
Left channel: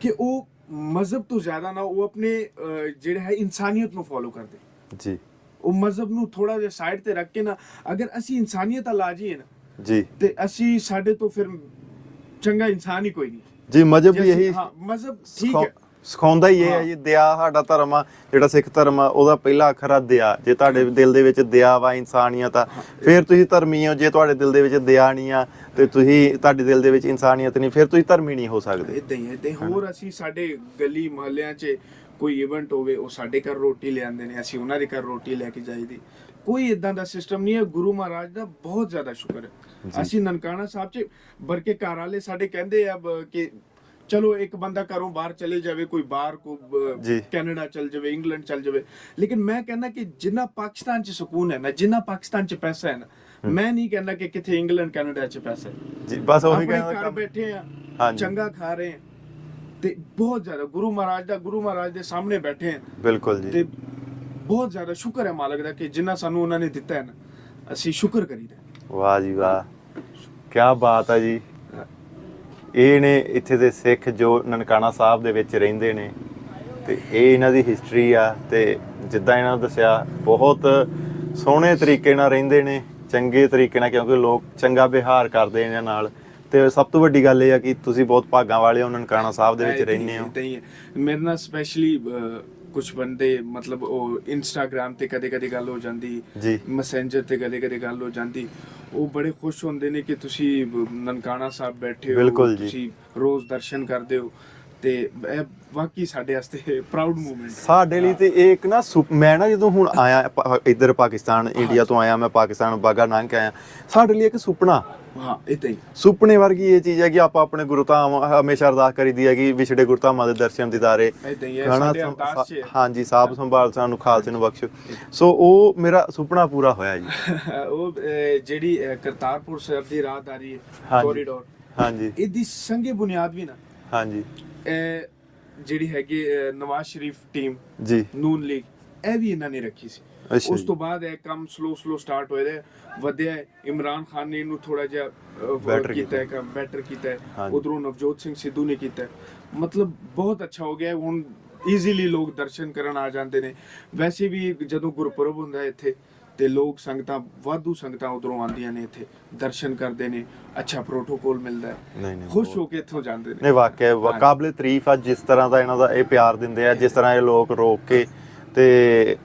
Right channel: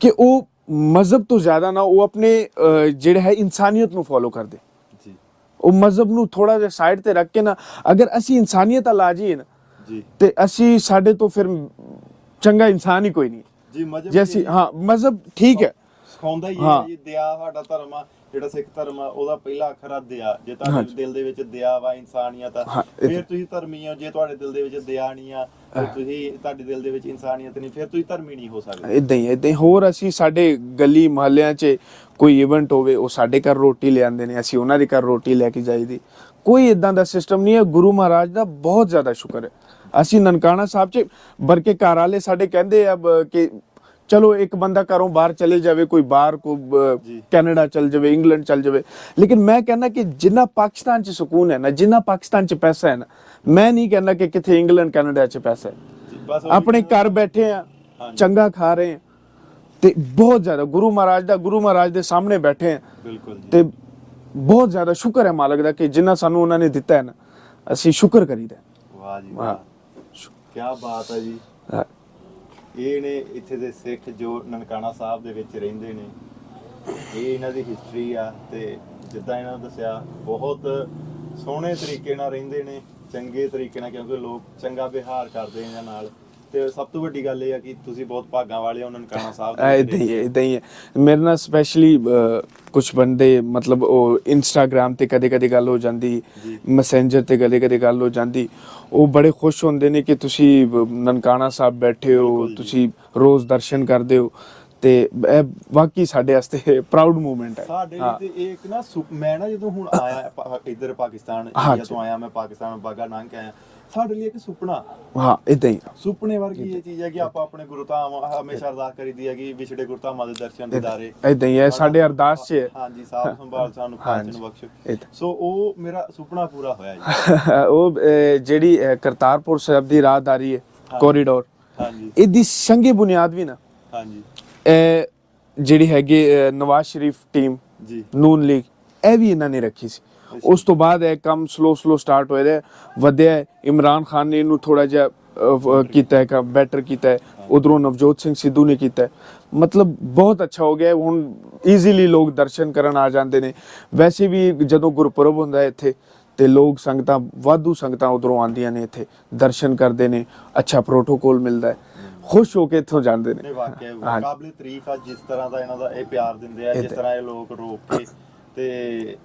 ਕਿ ਉਹ ਮਜ਼ਹਬ ਤੋਂ ਜ਼ਿਆਦਾ ਨਾ ਉਹ ਆਪਣੇ ਜਿਹੜਾ ਹੈ ਇਨਸਾਨੀਅਤ ਨੂੰ ਫੋਲੋ ਕਰਦੇ। ਜੀ। ਉਹ ਮਜ਼ਹਬ ਨੂੰ ਥੋੜਾ ਜਿਹਾ ਸਾਈਡ ਤੇ ਰੱਖ ਕੇ ਨਾ ਅਗਰ ਅਸੀਂ ਇਨਸਾਨੀਅਤ ਲਾ ਜਾਈਏ ਨਾ ਜੀ। ਤੇ ਅਸੀਂ ਸਾਡੇ ਤੋਂ ਫਿਰ ਚੰਗਾ ਇਨਸਾਨ ਹੀ ਕੋਈ ਨਹੀਂ। ਜੀ ਮਜਹਬ ਵੀ ਇਹੀ ਹਾਂ ਮਜ਼ਹਬ ਠੀਕ ਹੈ। ਸਿਖਾਉਂਦਾ ਹੀ ਇਹ ਹਾਂ। ਜੀ ਦਇਆ ਸਾਡਾ ਧਰਮ ਆ ਜਿਹੜਾ ਸਿੱਖ ਧਰਮ ਆ ਉਹਦਾ ਪਹਿਲਾ ਅੱਖਰ ਆ ਦਇਆ ਜੇ ਤੁਹਾਡੇ। ਦਿਲ ਦੇ ਵਿੱਚ ਦਇਆ ਵਾ ਇਨਸਾਨੀਅਤ ਆ ਫਿਰ ਤੁਸੀਂ ਧਰਮੀ ਹੋ ਜੇ ਤੁਹਾਡੇ ਦਿਲ ਦੇ ਵਿੱਚ ਦਇਆ ਨਹੀਂ ਆ ਤੇ ਤੁਸੀਂ ਤੁਹਾਡੇ ਦਿਲ ਦੇ ਵਿੱਚ ਇਨਸਾਨੀਅਤ ਨਹੀਂ ਫਿਰ ਤੁਸੀਂ ਧਰਮੀ ਨਹੀਂ ਹੋ ਸਕਦੇ। ਇਦਾਂ ਹੀ ਇਦਾਂ ਹੀ। ਹੋਰ ਅਸੀਂ ਸਾਡੇ ਗਲੀ ਮੁਹੱਲਿਆਂ 'ਚ ਕੋਈ ਇਵੈਂਟ ਹੋਵੇ ਉਹ ਸਾਡੇ ਘਰ ਰੋਟੀ ਲਿਆਉਂਦੇ ਨੇ ਅਸੀਂ ਉਹਨਾਂ ਦੇ ਘਰ ਰੋਟੀ ਲੈ ਕੇ ਜਾਈਦੀ। ਕੋਈ ਇਦਾਂ ਦਾ ਸਿਸਟਮ ਨਹੀਂ ਹੈ ਗੁਰੂ ਮਹਾਰਾਜ ਦਾ ਬਹੁਤ ਜ਼ਿਆਦਾ ਸ਼ੁਕਰ ਹੈ। ਅਸੀਂ ਨਨਕਾਣਾ ਸਾਹਿਬ 'ਚ ਬਰਕੇ ਘਰ ਵਾਲੇ ਸਾਡੇ ਕਹਿੰਦੇ ਆ ਕਿ ਚਲੋ ਇੱਕ ਬੰਦਾ ਘਰੋਂ ਬਾਹਰ ਚਲੇ ਜਾਵੇ ਕੋਈ ਬਾਹਰ ਕੋ। ਕੈਨੇਡਾ ਚਲ ਜਾਵੇ ਇੰਗਲੈਂਡ ਚਲ ਜਾਵੇ। ਲੇਕਿਨ ਮੈਂ ਕਹਿੰਦਾ ਕਿ ਜਿੰਨਾ ਪਾਕਿਸਤਾਨ 'ਚ ਸਕੂਨ ਹੈ ਨਾ ਜਿੰਨਾ ਪਾਕਿਸਤਾਨ 'ਚ ਪੈਸਾ ਹੈ ਨਾ ਮੈਂ ਨਹੀਂ ਕਹਿੰਦਾ ਕਿ ਕਿੱਥੇ ਇੰਗਲੈਂਡ ਕੈਨੇਡਾ 'ਚ ਪੈਸਾ ਹੈ। ਜੀ ਬਸ ਆਪਣੇ ਘਰ ਬੈਠੇ ਆ। ਚੰਗਾ ਖਾ ਰਹੇ ਆ ਤੇ ਬਹੁਤ ਜ਼ਿਆਦਾ ਗੁਰੂ ਮਹਾਰਾਜ ਦਾ ਗੁਰੂ ਮਹਾਰਾਜ ਦੇ ਸਾਹਮਣੇ ਬੈਠੇ ਆ। ਬਿਲਕੁਲ ਜੀ। ਤੇ ਬਹੁਤ ਜ਼ਿਆਦਾ ਸ਼ੁਕਰ ਹੈ ਮਾਲਕ ਦਾ ਕਿ ਜਿੰਨਾ ਸਾਨੂੰ ਉਹਨਾਂ ਨੇ ਦਿੱਤਾ ਹੈ ਨਾ ਅਸੀਂ ਸ਼ੁਕਰ ਕਰੀਦਾ ਵਾਹ ਜੀ ਵਾਹ। ਕੀ ਬਾਤ ਹੈ ਜੀ। ਇਹ ਨੇ ਇੱਥੇ ਦੇ ਸਿੱਖ ਜੋ ਨਨਕਾਣਾ ਸਾਹਿਬ ਦੇ ਵਿੱਚ ਰਹਿੰਦੇ ਨੇ ਤੇ ਇਹ ਇਹਨਾਂ ਦੀ ਹਿਸਟਰੀ ਆ ਤੇ ਜਿੱਦਾਂ ਇਹਨਾਂ ਨੇ ਦੱਸਿਆ ਬਹੁਤ ਸੋਹਣੇ ਤਰੀਕੇ ਨਾਲ ਰਹਿੰਦੇ ਨੇ ਚੰਗੇ ਤਰੀਕੇ ਨਾਲ ਕਿਉਂਕਿ ਲੋਕ ਚੰਗਾ ਵਿਹਾਰ ਕਰਦੇ ਇਹਨਾਂ ਨਾਲ ਤੇ ਸਭ ਤੋਂ ਵੱਡੀ ਗੱਲ ਇਹ ਆ ਕਿ ਤੁਸੀਂ ਬਹੁਤ ਭਾਗਾਂ ਵਾਲੇ ਹੋ ਨਨਕਾਣਾ ਸਾਹਿਬ ਦੇ ਵਿੱਚ ਰਹਿੰਦੇ ਹੈ, ਏਦਾਂ ਹੀ ਹੈ। ਮੇਰੇ ਨਾਲ ਸਪੈਸ਼ਲੀ ਕੁਝ ਬੰਦੇ ਮਤਲਬ ਉਹ ਇੰਸਟਾਗ੍ਰam ਤੇ ਕਦੇ ਕਦੇ ਗੱਲ ਹੋ ਜਾਂਦੀ। ਮੈਸੇਂਜਰ ਤੇ ਕਦੇ ਕਦੇ ਗੱਲ ਹੋ ਜਾਂਦੀ। ਉਹ ਬੜੇ ਖੁਸ਼ ਹੁੰਦੇ ਨੇ ਕਿ ਤੁਸੀਂ ਨਨਕਾਣਾ ਸਾਹਿਬ ਬੈਠੇ ਹੋ। ਤੁਸੀਂ ਰੋਜ਼ ਦਰਸ਼ਨ ਕਰਦੇ ਹੋ ਤੇ ਇਹ ਵਾਕਈ ਸਾਡੇ ਵਾਸਤੇ ਪ੍ਰਾਊਡ ਮੂਮੈਂਟ ਹੈ ਸਾਡੇ ਲਈ ਤੇ ਇਹ ਇੱਕ ਨਾ ਸੁਪ- ਮੈਂ ਨਾ ਜਦੋਂ ਹੁਣ ਆਇਆ ਪਾ- ਇੱਧਰ ਪਾਕਿਸਤਾਨ ਇੰਡੀਆ ਤੋਂ ਆਇਆ ਮੈਂ ਪਾਕਿਸਤਾਨ ਬਾਗਾ ਲੰਘ ਕੇ ਆਇਆ ਸਾਡੇ ਲਈ ਇੱਕ ਸੁਪਨਾ। ਹਾਂ ਇਦਾਂ ਹੀ। ਸੁਪਨੇ ਵਰਗੀ ਇਹ ਚੀਜ਼ ਹੈ ਕਿ ਆਪਾਂ ਆਪਣੇ ਗੁਰਧਾਮ ਹਮੇਸ਼ਾ ਅਰਦਾਸ ਕਰੀਦੀ ਹੈ ਕਿ ਵਿਛੜੇ ਗੁਰਧਾਮਾਂ ਦੇ ਦਰਸ਼ਨ ਦੀਦਾਰੇ ਏਦਾਂ ਹੀ ਹੈ ਸਾਡੇ ਅਰਦਾਸ 'ਚ ਹੈ। ਹਾਂਜੀ ਸਾਬ ਸੰਭਾਲ ਸਾਨੂੰ ਖਾਲਸੇ ਨੂੰ ਬਖਸ਼ੋ। ਸੋ ਉਹ ਮੇਰਾ ਸੁਪਨਾ ਪੂਰਾ ਹੋਇਆ ਜੀ। ਉਹ ਅਹ, ਜਿਹੜੀ ਅਹ, ਕਰਤਾਰਪੁਰ ਸਾਹਿਬ ਦੀ ਰਾਹਦਾਰੀ ਹੈ ਹਾਂਜੀ। ਕੋਰੀਡੋਰ ਹਾਂਜੀ। ਇਹਦੀ ਸੰਗੇ ਬੁਨਿਆਦ ਵੀ ਨਾ। ਹਾਂਜੀ। ਜਿਹੜੀ ਹੈਗੀ ਨਵਾਜ਼ ਸ਼ਰੀਫ ਟੀਮ ਜੀ। ਨੂਨ ਲੀਗ ਇਹ ਵੀ ਇਹਨਾਂ ਨੇ ਰੱਖੀ ਸੀ। ਉਸ ਤੋਂ ਬਾਅਦ ਇਹ ਕੰਮ ਸਲੋ ਸਲੋ ਸਟਾਰਟ ਹੋਇਆ ਹੈ ਵਧਿਆ। ਇਮਰਾਨ ਖਾਨ ਨੇ ਇਹਨੂੰ ਥੋੜਾ ਜਿਹਾ ਕੀਤਾ। ਹੈ ਕੰਮ ਬੈਟਰ ਕੀਤਾ ਹੈ। ਉਧਰੋਂ ਨਵਜੋਤ ਸਿੰਘ ਸਿੱਧੂ ਨੇ ਕੀਤਾ ਹੈ। ਮਤਲਬ ਬਹੁਤ ਅੱਛਾ ਹੋ ਗਿਆ। ਹੁਣ ਈਜ਼ੀਲੀ ਲੋਕ ਦਰਸ਼ਨ ਕਰਨ ਆ ਜਾਂਦੇ ਨੇ। ਵੈਸੇ ਵੀ ਜਦੋਂ ਗੁਰਪੁਰਬ ਹੁੰਦਾ ਹੈ ਇੱਥੇ ਤੇ ਲੋਕ ਸੰਗਤਾਂ ਵਾਧੂ ਸੰਗਤਾਂ ਉਧਰੋਂ ਆਉਂਦੀਆਂ ਨੇ ਇੱਥੇ ਦਰਸ਼ਨ ਕਰਦੇ ਨੇ ਅੱਛਾ ਪ੍ਰੋਟੋਕੋਲ ਮਿਲਦਾ ਹੈ। ਖੁਸ਼ ਹੋ ਕੇ ਇੱਥੋਂ ਜਾਂਦੇ ਨੇ। ਨੇ ਵਾਕਿਆ ਹਾਂਜੀ। ਕਾਬਲੇ ਤਾਰੀਫ ਆ ਜਿਸ ਤਰ੍ਹਾਂ ਦਾ ਇਹਨਾਂ ਦਾ ਇਹ ਪਿਆਰ ਦਿੰਦੇ ਆ ਜਿਸ ਤਰ੍ਹਾਂ ਇਹ ਲੋਕ ਰੋਕ ਕੇ ਤੇ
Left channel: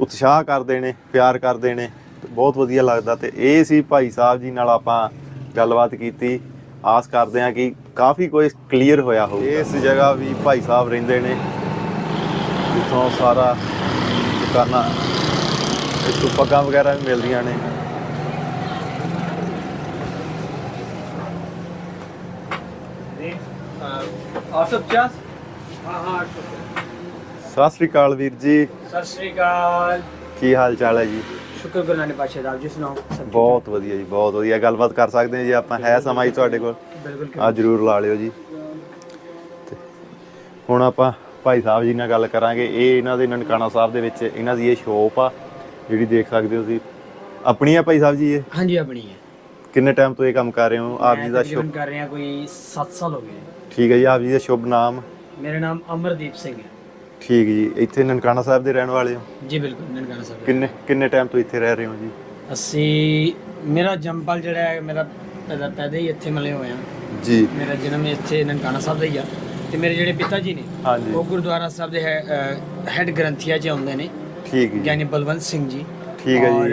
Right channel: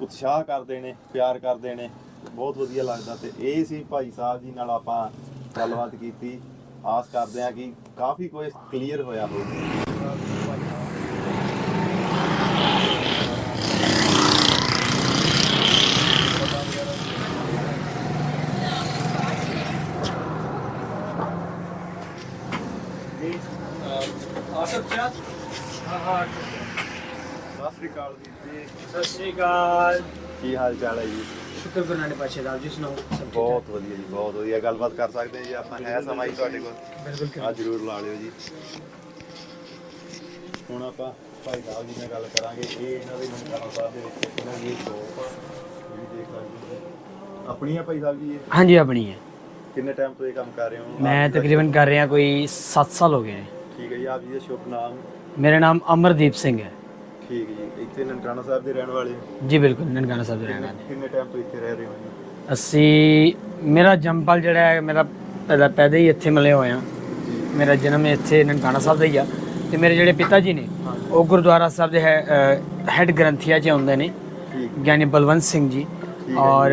ਉਤਸ਼ਾਹ ਕਰਦੇ ਨੇ ਪਿਆਰ ਕਰਦੇ ਨੇ ਬਹੁਤ ਵਧੀਆ ਲੱਗਦਾ। ਤੇ ਇਹ ਸੀ ਭਾਈ ਸਾਹਿਬ ਜੀ ਨਾਲ ਆਪਾਂ ਗੱਲਬਾਤ ਕੀਤੀ। ਆਸ ਕਰਦੇ ਆ ਕਿ ਕਾਫੀ ਕੁਝ ਕਲੀਅਰ ਹੋਇਆ ਹੋਊਗਾ। ਇਸ ਜਗ੍ਹਾ ਵੀ ਭਾਈ ਸਾਹਿਬ ਰਹਿੰਦੇ ਨੇ ਜਿੱਥੋਂ ਸਾਰਾ ਕਰਨਾ। ਪੱਗਾਂ ਵਗੈਰਾ ਵੀ ਮਿਲਦੀਆਂ ਨੇ। ਸਤਿ ਸ੍ਰੀ ਅਕਾਲ ਵੀਰ ਜੀ। ਸਤਿ ਸ਼੍ਰੀ ਅਕਾਲ। ਕੀ ਹਾਲ ਚਾਲ ਹੈ ਜੀ? ਸ਼ੁਕਰ ਗੁਰੂ ਨਾਨਕ ਪਾਤਸ਼ਾਹ ਦਾ ਜੀ ਸੁਣਾਓ? ਬਹੁਤ ਵਧੀਆ ਜੀ ਬਹੁਤ ਵਧੀਆ। ਗੱਲਬਾਤ ਕਰ ਸਕਦੇ ਹਾਂ ਜੀ ਆਪਾਂ ਹੈ ਸਮਾਂ ਜੀ ਤੁਹਾਡੇ ਕੋਲ? ਆ ਜਰੂਰ ਲਾ ਲਿਓ ਜੀ। ਹੁਣ ਆਪਾਂ ਭਾਈ ਸਾਹਿਬ ਜੀ ਨਾਲ ਗੱਲ ਕਰਾਂਗੇ। ਇਹ ਇਹਨਾਂ ਦੇ ਨਨਕਾਣਾ ਸਾਹਿਬ ਦੇ ਵਿੱਚ ਇਹਨਾਂ ਦੀ ਇਹ ਸ਼ੋਪ ਆ। ਜਿਹੜੀ ਦੇਖ ਸਕਦੇ ਹੋ ਤੁਸੀਂ ਆਪਣੀ ਆ ਭਾਈ ਸਾਹਿਬ ਜੀ ਇਹ? ਹਾਂਜੀ ਆਪਣੀ ਹੈ ਕਿੰਨੇ ਟਾਈਮ ਤੋਂ ਇਹ ਕੰਮ ਕਰ ਰਹੇ ਹੋ? ਆਪ ਮੈਂ ਜੀ ਦਾ ਤਕਰੀਬਨ ਸ਼ੁਭ- ਕਰ ਰਿਹਾ ਕੋਈ 7 ਸਾਲ ਹੋ ਗਏ ਨੇ। ਠੀਕ ਹੈ ਜੀ ਆਪ ਜੀ ਦਾ ਸ਼ੁਭ ਨਾਮ? ਮੇਰਾ ਨਾਮ ਅਮਰਦੀਪ ਸਿੰਘ ਹੈ। ਠੀਕ ਜੀ ਇੱਥੇ ਨਨਕਾਣਾ ਸਾਹਿਬ ਦੇ ਰਹਿਣ ਵਾਲੇ ਹੋ? ਜੀ ਬਿਲਕੁਲ ਨਨਕਾਣਾ ਸਾਹਿਬ ਦੇ। ਕਿੰਨੇ ਕਿੰਨੇ ਟਾਈਮ ਤੋਂ ਇੱਥੇ ਰਹਿ ਰਹੇ ਹੋ ਜੀ? ਅਸੀਂ ਮੇਰਾ ਜੰਮਪਲ ਜਿਹੜਾ ਹੈ ਮੇਰਾ ਪੈਦਾ ਪੈਦਾ ਹੀ ਇੱਥੇ ਮਿਲੇ ਹੋਏ ਆ ਜੀ। ਮੇਰਾ ਜਨਮ ਇੱਥੇ ਨਨਕਾਣਾ ਸਾਹਿਬ ਦਾ ਹੀ ਆ। ਤੇ ਮੇਰੇ ਜਿਹੜੇ ਪਿਤਾ ਜੀ ਨੇ ਹਾਂਜੀ। ਉਹ ਗੁਰਦੁਆਰਾ ਸਾਹਿਬ ਦੇ ਹੈਡ ਗ੍ਰੰਥੀਆ ਚ ਆਉਂਦੇ ਨੇ। ਠੀਕ ਜੀ। ਗਿਆਨੀ ਬਲਵੰਤ ਸਿੰਘ ਜੀ। ਠੀਕ ਹੈ। ਔਰ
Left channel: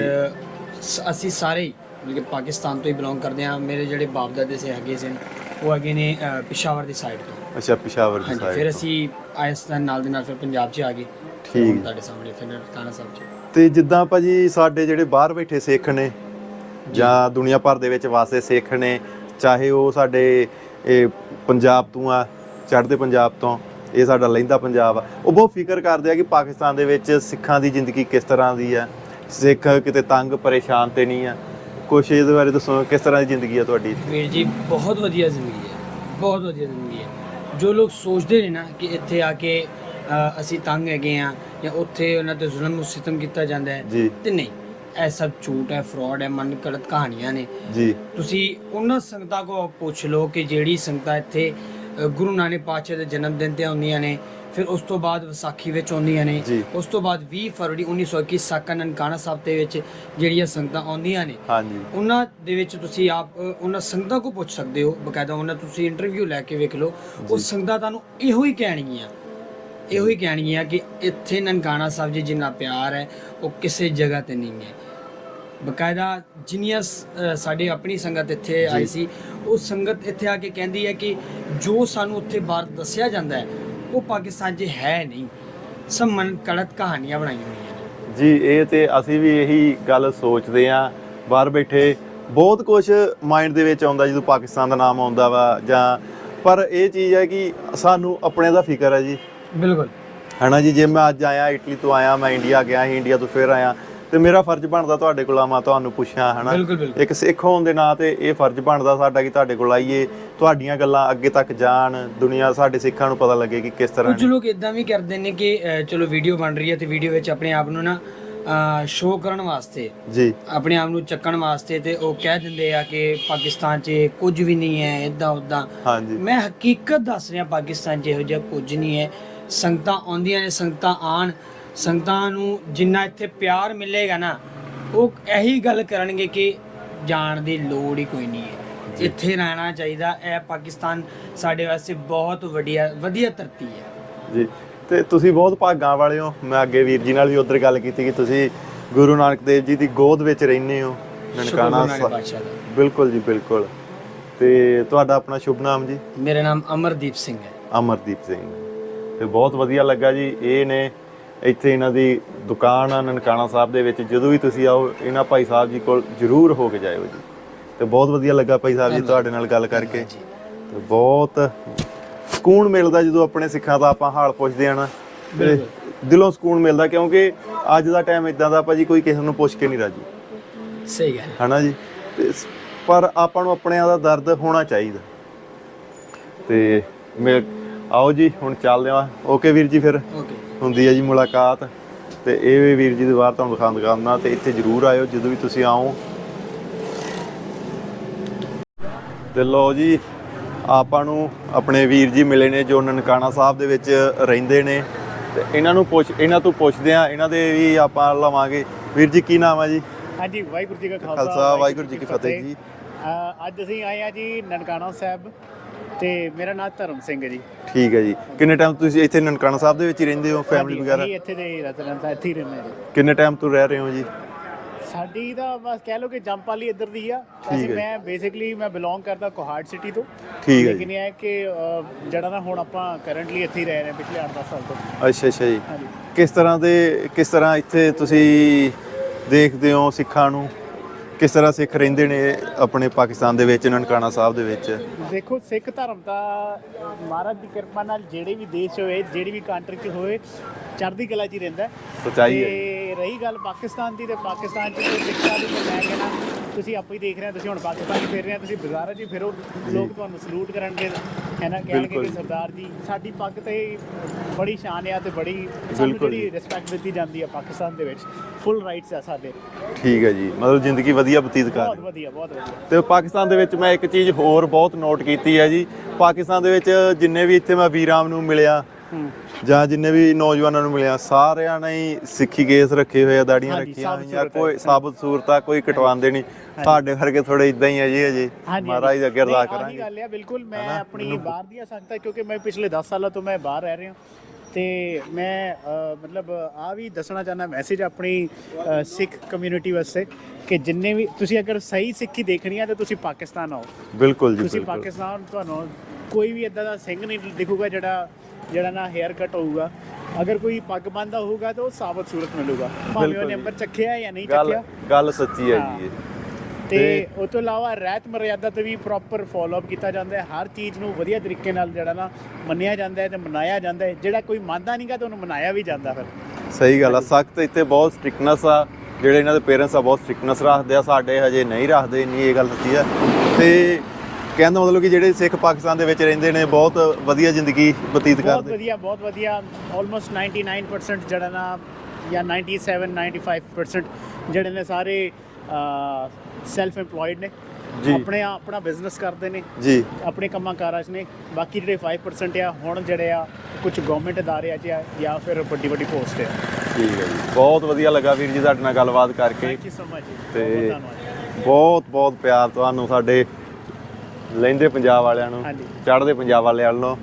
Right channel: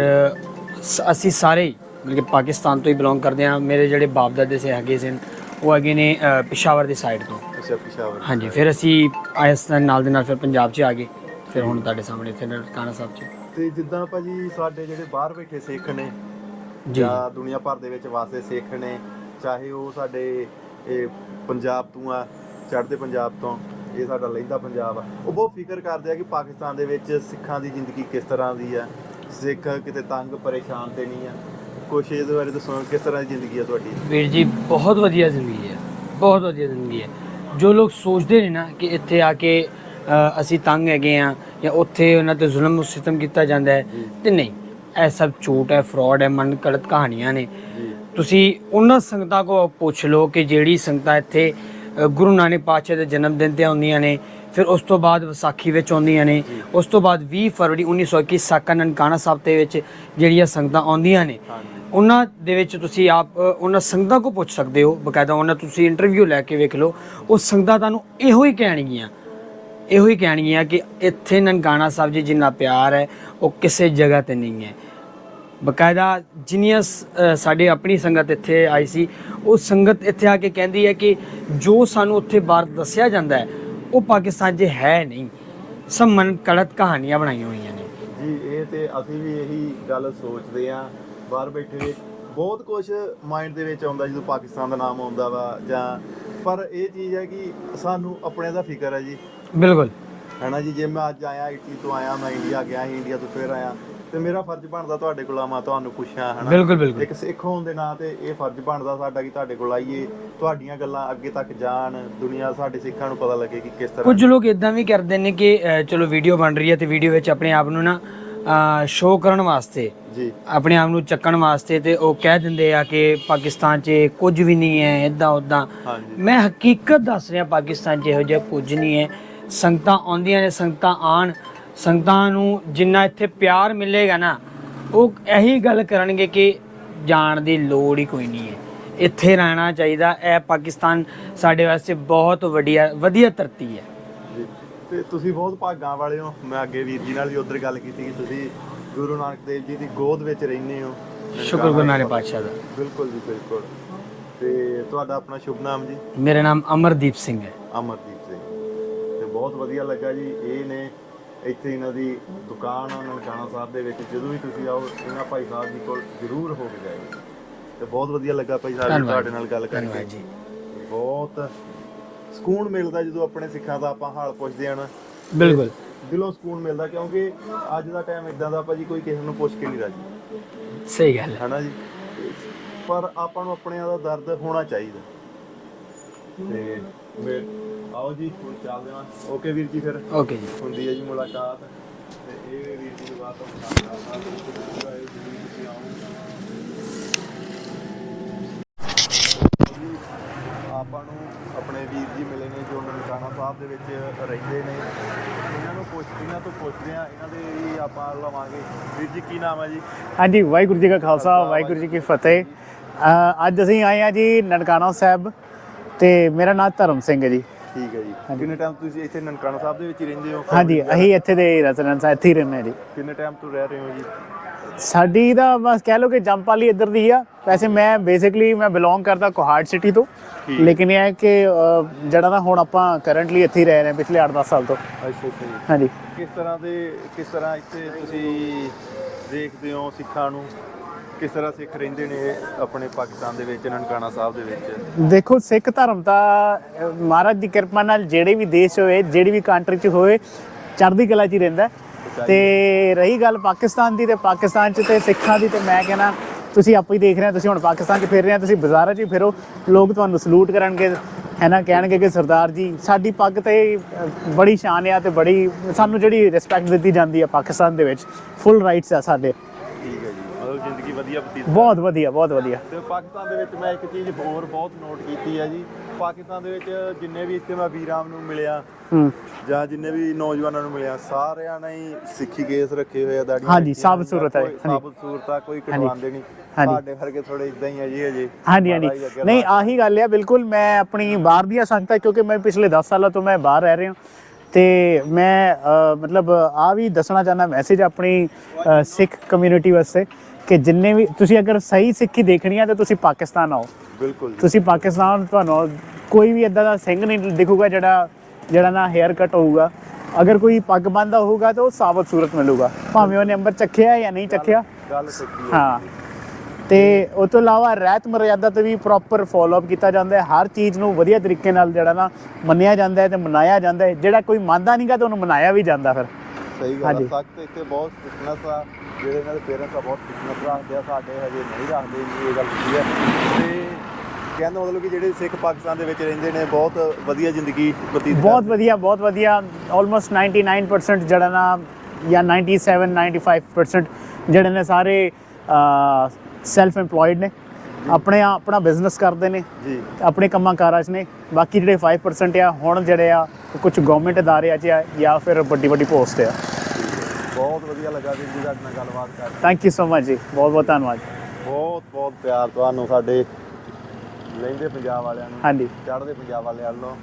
ਸ- ਅਸੀਂ ਸਾਰੇ ਹੀ, ਮਤਲਬ ਕਿ ਪਾਕਿਸਤਾਨ ਤੋਂ ਹੀ ਬਿਲੋਂਗ ਕਰਦੇ ਹਾਂ। ਮੇਰੇ ਜਿਹੜੇ ਬਾਪ ਦਾਦੇ ਸੇ ਹੈਗੇ ਸਨ ਉਹ ਹੈਗੇ ਨੇ ਅ, ਪਿਸ਼ਾਵਰ ਦੀ ਸਾਈਡ ਤੋਂ। ਅੱਛਾ ਪਿਸ਼ਾਵਰ ਦੀ ਹਾਂਜੀ side। ਫਿਰ ਅਸੀਂ ਆਇਸਤਾਨ ਨਾਲ ਦੇ ਨਾਲ ਫਿਰ ਪੰਜਾਬ 'ਚ ਆ ਗਏ। ਫਿਰ ਹੁਣ। ਤੁਹਾਡੇ ਸਾਹਮਣੇ ਇੱਥੇ ਨਨਕਾਣਾ ਸਾਹਿਬ 'ਚ। ਤੇ ਜਿੱਦਾਂ ਭਾਜੀ ਸਾਡੇ ਜਿਹੜੇ ਬਾਹਰ ਬੈਠੇ ਸਿੱਖ ਨੇ ਜਾਂ। ਦੁਨੀਆ ਭਰ ਦੇ ਵਿੱਚ ਵਾਸਤੇ ਸਿੱਖ ਨੇ ਚਾਹੇ ਉਹ ਸਾਡੇ ਇਹ ਪੰਜਾਬ ਤੋਂ ਆ ਚੜ੍ਹਦੇ ਪੰਜਾਬ ਤੋਂ ਇਹ ਸਾਡਾ ਲਹਿੰਦਾ ਪੰਜਾਬ ਆ। ਉਹ ਬਹੁਤ ਫਿਕਰ ਕਰਦੇ ਆ ਕਿ ਪਾਕਿਸਤਾਨ ਦੇ ਵਿੱਚ ਸਿੱਖਾਂ ਦੀ ਜ਼ਿੰਦਗੀ ਕਿਸ ਤਰ੍ਹਾਂ ਦੀ ਆ। ਸਿੱਖ ਕਿਤੇ ਤੰਗ ਪਰੇਸ਼ਾਨ ਤੇ ਨਹੀਂ ਆ। ਕੁਛ ਇਹਦੇ ਬਾਰੇ ਦੱਸੋ ਕਿਸ ਤਰ੍ਹਾਂ ਦੀ ਜ਼ਿੰਦਗੀ ਆ ਤੁਹਾਡੀ? ਵੀਰ ਜੀ ਬਹੁਤ ਵਧੀਆ ਜ਼ਿੰਦਗੀ ਹੈ। ਬਹੁਤ ਵਧੀਆ ਜ਼ਿੰਦਗੀ ਹੈ। ਜੋ ਲੋਕ ਸੋਚਦੇ ਨੇ ਨਾ ਕਿ ਇੱਥੇ ਆ ਕੇ ਅਸੀਂ ਤੰਗ ਹੈਗੇ ਆ ਜਾਂ ਉੱਥੇ ਉਹਨਾਂ ਤੇ ਜ਼ੁਲਮ ਸਿਤਮ ਕੀਤਾ ਜਾਂਦਾ ਹੈ ਤੇ ਨਹੀਂ ਇਹ ਸਭ ਝੂਠ ਹੈ ਫਰਾਡ ਹੈ ਮਨ ਗਲਤ ਕਹਾਣੀਆਂ ਨੇ। ਜੀ। ਤੁਸੀਂ ਉਹਨਾਂ ਸੰਗਤਾਂ ਕੋ ਪੁੱਛ ਲਓ ਕਿ ਜਿਹੜੀ ਸੰਗਤਾਂ ਇੱਥੇ ਗੁਰੂ ਨਾਨਕ ਪਾਤਸ਼ਾਹ ਦੇ ਜਨਮ ਦਿਨ ਤੇ ਆਉਂਦੀਆਂ ਨੇ ਫਿਰ ਉਸ ਤੋਂ ਬਾਅਦ ਵਿਸਾਖੀ ਵਿੱਚ ਆਉਂਦੀਆਂ ਨੇ। ਉਸ ਤੋਂ ਬਾਅਦ 20 ਫਰਵਰੀ 1921 ਸਾਕਾ ਨਨਕਾਣਾ ਸਾਹਿਬ ਦੇ ਵਿੱਚ ਜਿਹੜੀਆਂ ਸੰਗਤਾਂ ਆਉਂਦੀਆਂ ਨੇ ਹਾਂਜੀ। ਉਹਨਾਂ ਦੇ ਵਿੱਚ ਤੁਸੀਂ ਆਪ ਉਹਨਾਂ ਸੰਗਤਾਂ ਕੋ ਪੁੱਛ ਸਕਦੇ ਹੋ ਬਕਾਇਦਾ ਉਹਨਾਂ ਤੁਸੀਂ ਇੰਟਰਵਿਊ ਲੈ ਕੇ ਵੇਖ ਲਓ ਉਹ ਸੰਗਤਾਂ ਤੁਹਾਨੂੰ ਇਹੋ ਹੀ ਕਹਿਣਗੀਆਂ ਇਹੋ ਹੀ ਕਹਿਣਗੀਆਂ ਕਿ ਇੱਥੇ ਨਨਕਾਣਾ ਸਾਹਿਬ ਜੀ ਜਿੰਨਾ ਪਿਆਰ ਹੈ ਉਹ ਕਿਸੇ ਜਗ੍ਹਾ ਤੇ ਨਹੀਂ ਹੈ। ਬਕਾਇਦਾ ਜਿੰਨੀਆਂ ਸ- ਅ, ਸਾਡੇ ਆਪਣੀ ਸੰਗਤ ਇੱਥੇ ਆਈ ਸੀ ਉਹ ਸੰਗਤ ਇੱਥੇ ਆ ਕੇ ਕਹਿੰਦੀ ਹੈ ਕਿ ਜੋ ਸਾਨੂੰ ਉੱਥੇ ਬਾਹਰ ਦੱਸਿਆ ਜਾਂਦਾ ਹੈ ਉਹ ਪਾਕਿਸਤਾਨ 'ਚ ਹੈ ਨਹੀਂ। ਸਭ ਮਨ ਕੜਤ ਕਹਾਣੀਆਂ ਬਣਾਈਆਂ ਹੋਈਆਂ ਨੇ। ਜੀ ਇਹ ਤੇ ਅਸੀਂ ਵੀ ਇਹੀ ਗੱਲ ਸੋਚਦੇ ਆ ਬਾਹਰ ਬੈਠੇ ਬਹੁਤ ਕੁਝ ਮਾਈਂਡ ਦੇ ਵਿੱਚ ਆਉਂਦਾ ਜਦੋਂ ਪਾਕਿਸਤਾਨ ਦਾ ਨਾਮ ਆਉਂਦਾ ਵਾ ਜਾਂ ਪਰ ਇਹ ਚੀਜ਼ ਹੈ ਕਿ ਸਾਨੂੰ ਆਪਣੇ ਦਾ ਫਿਕਰ ਹੈ ਜੀ। ਬਿਲਕੁਲ। ਹਨਾ ਜੀ ਜੇ ਮੈਂ ਅੱਜ ਆਇਆ ਇਟਲੀ ਤੋਂ ਆਇਆ ਮੈਂ ਇੰਡੀਆ ਗਿਆ ਇੰਡੀਆ ਤੋਂ ਫਿਰ ਆਇਆ ਤੇ ਮੇਰਾ ਫਰਜ਼ ਬਣਦਾ ਤੁਹਾਡੇ ਕੋਲ ਆਵਾਂ ਤੁਹਾਨੂੰ ਪੁੱਛਾਂ ਹਨਾ? ਬਿਲਕੁਲ, ਬਿਲਕੁਲ। ਇੱਕ ਸਿੱਖ ਹੋਣ ਦੇ ਨਾਂ ਤੇ ਇਹ ਫਰਜ਼ ਬਣਦਾ ਸਾਡਾ ਕਿ ਤੁਹਾਡੇ ਕੋਲ ਆਈਏ ਤੁਹਾਡੀਆਂ ਗੱਲਾਂ ਅੱਗੇ ਤੱਕ ਜਾਣ ਦੁਨੀਆ ਸਾਡੇ ਸਿੱਖਾਂ ਨੂੰ ਪਤਾ ਲੱਗੇ ਕਿ ਕਿਸ ਤਰ੍ਹਾਂ ਕੁਝ ਲੋਕ ਇਦਾਂ ਵੀ ਕਰਦੇ ਨੇ ਕਿ ਚਲੋ ਵੀਡੀਓ ਬਣ ਰਹੀ ਹੈ ਤੇ ਵੀਡੀਓ ਵਿੱਚ ਆਪਣੇ ਆਪ ਨੂੰ ਨਾ ਸ਼ੋਅ ਕਰਨ ਵਾਸਤੇ ਜੀ। ਆਪਣੇ ਆਪ ਨੂੰ ਚੱਕਣ ਵਾਸਤੇ ਤੇ ਉਹ ਕਹਿ ਦਿੰਦੇ ਆ ਕਿ ਪਾਕਿਸਤਾਨ 'ਚ ਕੁਝ ਵੀ ਨਹੀਂ ਹੈ ਇਦਾਂ ਉਦਾਂ ਹਾਂਜੀ। ਮੈਂ ਹਕੀਕਤ ਦੱਸ ਰਿਹਾ ਪਾਕਿਸਤਾਨ 'ਚ ਇਹੋ ਜਿਹਾ ਕੁਝ ਨਹੀਂ ਹੈ। ਸੰਗਤਾਂ ਆਉਂਦੀਆਂ ਨੇ ਸੰਗਤਾਂ ਆਣ ਸੰਗਤਾਂ ਨੂੰ ਜਿੰਨਾ ਇੱਥੇ ਪਿਆਰ ਮਿਲੇਗਾ ਨਾ ਉਹ ਇਹੀ ਗੱਲ ਕਰਨਗੇ ਕਿ ਜਾਣ ਦੀ ਲੋੜ ਹੀ ਕੋਈ ਨਹੀਂ ਹੈ। ਇੱਥੇ ਰਹਿਣਾ ਚਾਹੀਦਾ ਇਹ ਪਾਕਿਸਤਾਨ ਸਾਡੇ ਵਾਸਤੇ ਬਹੁਤ ਵਧੀਆ ਵਧੀਆ ਧਰਤੀ ਹੈ। ਜੀ ਤੇ ਤੁਸੀਂ ਬਹੁਤ ਭਾਗਾਂ ਵਾਲੇ ਹੋ। ਮੈਂ ਅੱਗੇ ਵੀਰ ਜੀ ਨਾਲ ਵੀ ਉਧਰ ਗੱਲ ਕੀਤੀ ਕਿ ਤੁਸੀਂ ਗੁਰੂ ਨਾਨਕ ਦੇਵ ਜੀ ਦੀ ਗੋਦ ਵਿੱਚ ਰਹਿੰਦੇ ਹੋ। ਸ਼ੁਕਰ ਗੁਰੂ ਨਾਨਕ। ਪਾਤਸ਼ਾਹ ਦਾ। ਬਿਲਕੁਲ ਜੀ ਬਿਲਕੁਲ। ਤੇ ਤੁਹਾਡਾ ਆਪਣਾ ਸ਼ੁਭ ਨਾਮ ਜੀ? ਮੇਰਾ ਨਾਮ ਅਮਰਦੀਪ ਸਿੰਘ ਹੈ। ਅਮਰਦੀਪ ਸਿੰਘ। ਤੇ ਬਹੁਤ ਵਧੀਆ ਲੱਗਾ ਜੀ। ਇਹ ਨੇ ਇੱਥੇ ਇਹਨਾਂ ਦੀ ਦੁਕਾਨ ਆ ਨਨਕਾਣਾ ਸਾਹਿਬ ਦੇ ਵਿੱਚ ਜਦੋਂ ਵੀ ਤੁਸੀਂ ਆਓ ਇਹਨਾਂ ਭਾਈ ਸਾਹਿਬ ਜੀ ਕੋਲ ਜ਼ਰੂਰ ਹੋ ਕੇ ਜਾਇਓ ਜੀ। ਤੇ ਬਹੁਤ ਵਧੀਆ ਲੱਗਾ ਭਾਈ ਸਾਹਿਬ ਜੀ। ਤੁਹਾਡੇ ਨਾਲ ਗੱਲ ਕਰਕੇ। ਤੇ ਬਹੁਤ ਸਕੂਨ ਮਿਲਦਾ ਜਦੋਂ ਆਪਣੇ ਸਿੱਖਾਂ ਦਾ ਆਪਾਂ ਹਾਲ ਪੁੱਛਦੇ ਆ ਨਾ। ਬਿਲਕੁਲ। ਦਿਲੋਂ ਸਕੂਨ ਮਿਲਦਾ ਕਿਉਂਕਿ ਅੱਜ ਦਾ ਟਾਈਮ ਇਦਾਂ ਦਾ ਭਾਜੀ ਕੋਈ ਕਿਸੇ ਨੂੰ ਪੁੱਛ ਕੇ ਨਹੀਂ ਰਾਜੀ। ਸਹੀ ਗੱਲ ਹੈ। ਹਨਾ ਜੀ? ਪਰ ਆਪਾਂ ਨੂੰ ਆਪਣਿਆਂ ਦਾ ਦਰਦ ਹੋਣਾ ਚਾਹੀਦਾ। ਤੇ ਮੈਂ ਆਓ ਜੀ ਹੁਣ ਚੱਲਦੇ ਆ ਓਕੇ ਵੀਰ ਜੀ ਫਿਰ। ਓਕੇ ਜੀ। ਹੁੰਦੀ ਹੈ ਜੀ ਮੁਲਾਕਾਤ। ਤੇ ਇਹ ਵੀ ਵੀਰ ਜੀ ਦੇ ਬਾਹਰ ਤੁਹਾਨੂੰ ਦਿਖਾਉਂਗਾ ਮੈਂ ਤੇ ਇੱਥੇ ਜ਼ਰੂਰ ਆਇਓ ਜਦੋਂ ਵੀ ਤੁਸੀਂ ਆਓ। ਤੇ ਲੋ ਜੀ ਆਪਾਂ ਨੂੰ ਆਪਣੇ ਵੀਰ ਜੀ ਮਿਲੇ ਨੇ ਜੋ ਨਨਕਾਣਾ ਸਾਹਿਬ ਦੇ ਵਿੱਚ ਰਹਿੰਦੇ ਨੇ। ਤੇ ਇਹਨਾਂ ਨੂੰ ਪੁੱਛ ਇਹਨਾਂ ਤੋਂ ਪੁੱਛਦੇ ਆ ਇਹਨਾਂ ਦੇ ਵੀ ਆਪਾਂ ਲਵਾਂਗੇ। ਵੀਰ ਜੀ ਕੀ ਨਾਮ ਹੈ ਜੀ? ਹਾਂਜੀ ਵਾਹਿਗੁਰੂ ਜੀ ਕਾ ਖਾਲਸਾ ਵਾਹਿਗੁਰੂ ਜੀ ਕੀ ਫਤਿਹ। ਅੱਜ ਅਸੀਂ ਆਏ ਆ ਜੀ ਨਨਕਾਣਾ ਸਾਹਿਬ। ਤੇ ਮੇਰਾ ਨਾਮ ਧਰਮ ਸਿੰਘ ਹੈ ਜੀ। ਠੀਕ ਹੈ ਜੀ। ਕਿੰਨੇ ਟਾਈਮ ਤੁਸੀਂ ਇੱਥੇ ਨਨਕਾਣਾ ਸਾਹਿਬ ਦੇ ਵਿੱਚ ਹੀ ਰਹਿੰਦੇ ਹੋ ਹਾਂਜੀ? ਅਸੀਂ ਇੱਥੇ ਦੇ ਰੈਜ਼ੀਡੈਂਸ ਆ ਇੱਥੇ ਹੀ ਰਹਿੰਦੇ ਹਾਂ ਜੀ। ਕਿੰਨੇ ਟਾਈਮ ਤੋਂ ਰਹਿ ਰਹੇ ਹੋ ਜੀ? ਸਾਡੀ ਦਾ ਬਸ ਕਹਿ ਲਓ ਕਿ ਜੰਪਾਲੀ ਇੱਧਰ ਦੀ ਆ। ਵੈਸੇ ਮੈਂ ਬੇਸਿਕਲੀ ਮੈਂ ਬਿਲੋਂਗ ਕਰਦਾ ਕੋਹਾੜ ਸਿਟੀ ਤੋਂ। ਲੇਕਿਨ ਇਹ ਹੈ ਕਿ ਜਿਹੜਾ ਨਾ ਹੁਣ ਆਪਾਂ ਕਰੰਟਲੀ ਇੱਥੇ ਹੀ ਰਹਿ ਰਹੇ ਹਾਂ ਪਿਛਲੇ 8-10 ਸਾਲ ਤੋਂ। ਅੱਛਾ ਅੱਛਾ ਜੀ। ਹਾਂਜੀ। ਕਿਸ ਤਰ੍ਹਾਂ ਦੇ ਕਿਸ ਤਰ੍ਹਾਂ ਇੱਥੇ ਤੁਸੀਂ ਦੇਖਦੇ ਹੋ ਸਿੱਖਾਂ ਨੂੰ? ਕਿਸ ਤਰ੍ਹਾਂ ਸਿੱਖ ਰਹਿੰਦੇ ਨੇ ਆਪਣੇ ਪਾਕਿਸਤਾਨ ਦੇ ਵਿੱਚ ਨਨਕਾਣਾ ਸਾਹਿਬ ਦੇ ਵਿੱਚ? ਦੇਖੋ ਸਿੱਖ ਧਰਮ ਅ, ਮਹਾਰਾਜ ਦੀ ਕਿਰਪਾ ਨਾਲ ਜਿਹੜੇ ਵੀ ਦੇਸ਼ ਹੋਏ ਜਿਹੜੀ ਵੀ ਕੰਟਰੀ 'ਚ ਹੋਏ ਚੜ੍ਹਦੀ ਕਲਾ 'ਚ ਹੀ ਰਹਿੰਦਾ ਹੈ। ਤੇ ਰਹੀ ਗੱਲ ਪਾਕਿਸਤਾਨ ਦੀ ਤੇ ਪਾਕਿਸਤਾਨ 'ਚ ਤੇ ਸਿੱਖਾਂ ਦੀ ਤੇ ਮੈਂ ਕਹਿੰਦਾ ਤੁਸੀਂ ਆਪੇ ਹੀ ਦੇਖ ਰਹੇ ਹੋ ਤੁਸੀਂ ਹੁਣ ਪਾਕਿਸਤਾਨ 'ਚ ਫਿਰ ਰਹੇ ਹੋ ਤੁਸੀਂ ਬਾਜ਼ਾਰਾਂ 'ਚ ਹੀ ਫਿਰੋ। ਲੋਕ ਤੁਹਾਨੂੰ ਸਲੂਟ ਕਰਨਗੇ ਹੈ ਨਾ? ਕਹਿਣਗੇ ਕਿ ਸਰਦਾਰ ਜੀ ਸਾਡੀ ਪੱਗ ਤੇ ਬੜੀ ਸ਼ਾਨ ਆ ਤੇ ਬੜੀ ਸਾਨੂੰ ਜਿਹੜੀ ਰਿਸਪੈਕਟ ਦਿੱਤੀ ਜਾਂਦੀ ਆ ਪਾਕਿਸਤਾਨ ਦੇ ਵਿੱਚ। ਫੁੱਲ ਰਾਈਟਸ ਆ ਸਾਡੇ। ਠੀਕ ਹੈ ਜੀ। ਮਤਲਬ ਜ਼ਿੰਦਗੀ ਵਧੀਆ ਬਤੀਤ ਕਰ ਬਹੁਤ ਵਧੀਆ ਬਹੁਤ ਵਧੀਆ। ਤੇ ਪਾਕਿਸਤਾਨ ਦੇ ਵਿੱਚ ਮੈਂ ਇੱਕ ਚੀਜ਼ ਹੋਰ ਬਹੁਤ ਨੋਟ ਕੀਤੀ ਹੈ ਜੀ। ਪਾਕਿਸਤਾਨ ਦੇ ਵਿੱਚ ਜਿੰਨੇ ਵੀ ਇੱਥੇ ਮੈਂ ਵੀਰਾਂ ਨੂੰ ਮਿਲਿਆ ਜਾਂ ਜਿੰਨੇ ਵੀ ਨੌਜਵਾਨਾਂ ਨੂੰ ਮਿਲਿਆ ਸਾਰਿਆਂ ਨੇ ਹੀ ਸਿੱਖੀ ਕੇਸ ਰੱਖੇ ਹੋਏ ਆ ਦਾੜੀਆਂ ਹਾਂਜੀ, ਸਾਬਤ ਸੂਰਤ ਹੈ। ਕੋਈ। ਸਾਬਤ ਸੂਰਤ ਆ ਕੋਈ ਕਟਵਾਉਂਦੇ ਨਹੀਂ। ਸਾਡੇ ਵਰਗੇ ਥੋੜੇ ਇਦਾਂ ਹੀ ਆ ਜੀ ਅਜੇ ਹਾਂਜੀ ਨਹੀਂ ਆਹੀ ਗੱਲ ਆ ਬਿਲਕੁਲ ਮੈਂ ਆਪਣੀ ਬਾਹਰ ਦੀਆਂ ਸੰਗਤਾਂ ਕਿਉਂਕਿ ਮੈਂ ਪਿਛਲੇ 10 ਸਾਲਾਂ ਤੋਂ ਮੈਂ ਬਾਹਰ ਰਹਿ ਰਿਹਾ। ਤੇ ਮੈਂ ਮਤਲਬ ਆ ਵੀ ਦੱਸਣਾ ਚਾਹੁੰਦਾ ਮੈਸੇਜ ਆਪਣੀ ਸਿੱਖ ਕਮਿਊਨਿਟੀ ਵਾਸਤੇ ਕਿ ਜਿੰਨੇ ਵੀ ਤੁਸੀਂ ਅਗਰ ਸਹੀ ਸਿੱਖੀ ਦੇਖਣੀ ਆ ਤਾਂ ਤੁਸੀਂ ਪਾਕਿਸਤਾਨ ਆਓ ਬਿਲਕੁਲ ਜੀ ਤੁਸੀਂ। ਪਾਕਿਸਤਾਨ ਤੁਹਾਨੂੰ ਕੋਈ ਵੀ ਇਦਾਂ ਦਾ ਸਿੰਘ ਨਹੀਂ ਦਿਖੂਗਾ ਜਿਹੜਾ ਜਿਹੜਾ ਨਾ ਹੈਅਰ ਕੱਟ ਹੋਊਗਾ ਅਗਰ ਕੋਈ ਪੱਗ ਬੰਨਦਾ ਹੋਊਗਾ ਤਾਂ ਉਹ ਸਾਬਤ ਸੂਰਤ ਮਿਲੂਗਾ ਭਾਵੇਂ ਉਹਨੇ ਅੰਬਰ ਚੱਕਿਆ ਜਾਂ ਨਹੀਂ ਚੱਕਿਆ ਗੱਲ ਸੱਚੀ ਹੈ। ਜੀ। ਤੇ ਉਸ ਤੋਂ ਇਲਾਵਾ ਰਹਿਤ ਮਰਿਆਦਾ ਤੇ ਵੀ ਪ੍ਰੋਪਰ ਫਾਲੋ ਅਪ ਕੀਤਾ ਜਾਂਦਾ ਹੈ। ਹਰ ਚੀਜ਼ ਨੂੰ ਵਧੀਆ ਤਰੀਕੇ ਨਾਲ ਜਿਹੜਾ ਨਾ ਮੰਨਿਆ ਜਾਂਦਾ ਹੈ ਤੇ ਮਨਾਇਆ ਜਾਂਦਾ ਹੈ। ਜਿਹੜਾ ਕੋਈ ਮੰਨਦਾ ਨਹੀਂਗਾ ਤਾਂ ਉਹਨੂੰ ਮਨਾਇਆ ਵੀ ਜਾਂਦਾ ਫਿਰ। ਸਹੀ ਗੱਲ ਆ। ਸਖਤ ਇੱਥੇ ਬਹੁਤ ਸਟ੍ਰਿਕਨੈਸ ਆ। ਜਿਹੜੇ ਇਹਨਾਂ ਦੇ ਪੇਰੈਂਟਸ ਆ ਬਹੁਤ ਸਟ੍ਰਿਕਨੈਸ ਰੱਖਦੇ ਆ। ਸਾਡੇ ਹਜੇ ਨਹੀਂ ਰੱਖਦੇ ਨਹੀਂ ਇਹ ਗੱਲ ਸੱਚੀ ਆ। ਤੇ ਕਹਿੰਦਾ ਮਤਲਬ ਕਿ ਜਿਹੜੇ ਸਿੱਖ ਪਾਕਿਸਤਾਨ ਦੇ ਵਿੱਚ ਰਹਿੰਦੇ ਨੇ ਬਹੁਤ ਵਧੀਆ ਜ਼ਿੰਦਗੀ ਬਤੀਤ ਬਹੁਤ ਕਰਦੇ। ਵਧੀਆ ਬਹੁਤ ਵਧੀਆ। ਆਲਮੋਸਟ 99% ਜਿਹੜਾ ਨਾ ਜਾਂ 97 95% ਜਿਹੜੇ ਨੇ ਸਾਰੇ ਸੈਲਫ EMPLOYED ਨੇ। ਜੀ। ਆਪਣੇ ਆਪਣਾ ਬਿਜ਼ਨਸ ਕਰਦੇ ਨੇ। ਜੀ। ਆਪਣੇ ਕੰਮਾਂ ਕਾਰਾਂ 'ਚ ਨੇ। ਬਾਕੀ ਜਿਹੜੇ 5% ਆ ਹੁਣ ਜਿਹੜੇ ਆ ਕੁਝ ਗਵਰਨਮੈਂਟ 'ਚ ਆ ਜਾਂ ਫਿਰ ਵੱਡੀ ਵੱਡੀ ਪੋਸਟ ਆ। ਠੀਕ ਹੈ ਜੀ। ਬਹੁਤ ਵਧੀਆ ਲੱਗਾ ਵੀਰ ਜੀ ਤੁਹਾਡੇ ਨਾਲ ਗੱਲਬਾਤ ਕਰਕੇ। ਥੈਂਕ ਯੂ ਸੋ ਮਚ ਜੀ। ਬਹੁਤ ਬਹੁਤ ਧੰਨਵਾਦ ਬਹੁਤ ਬਹੁਤ ਪਿਆਰ ਤੁਹਾਨੂੰ ਸਾਡੇ ਲਹਿੰਦੇ ਪੰਜਾਬ ਵਾਲਿਆਂ ਨੂੰ ਚੜ੍ਹਦੇ ਪੰਜਾਬ ਵਾਲਿਆਂ ਵੱਲੋਂ।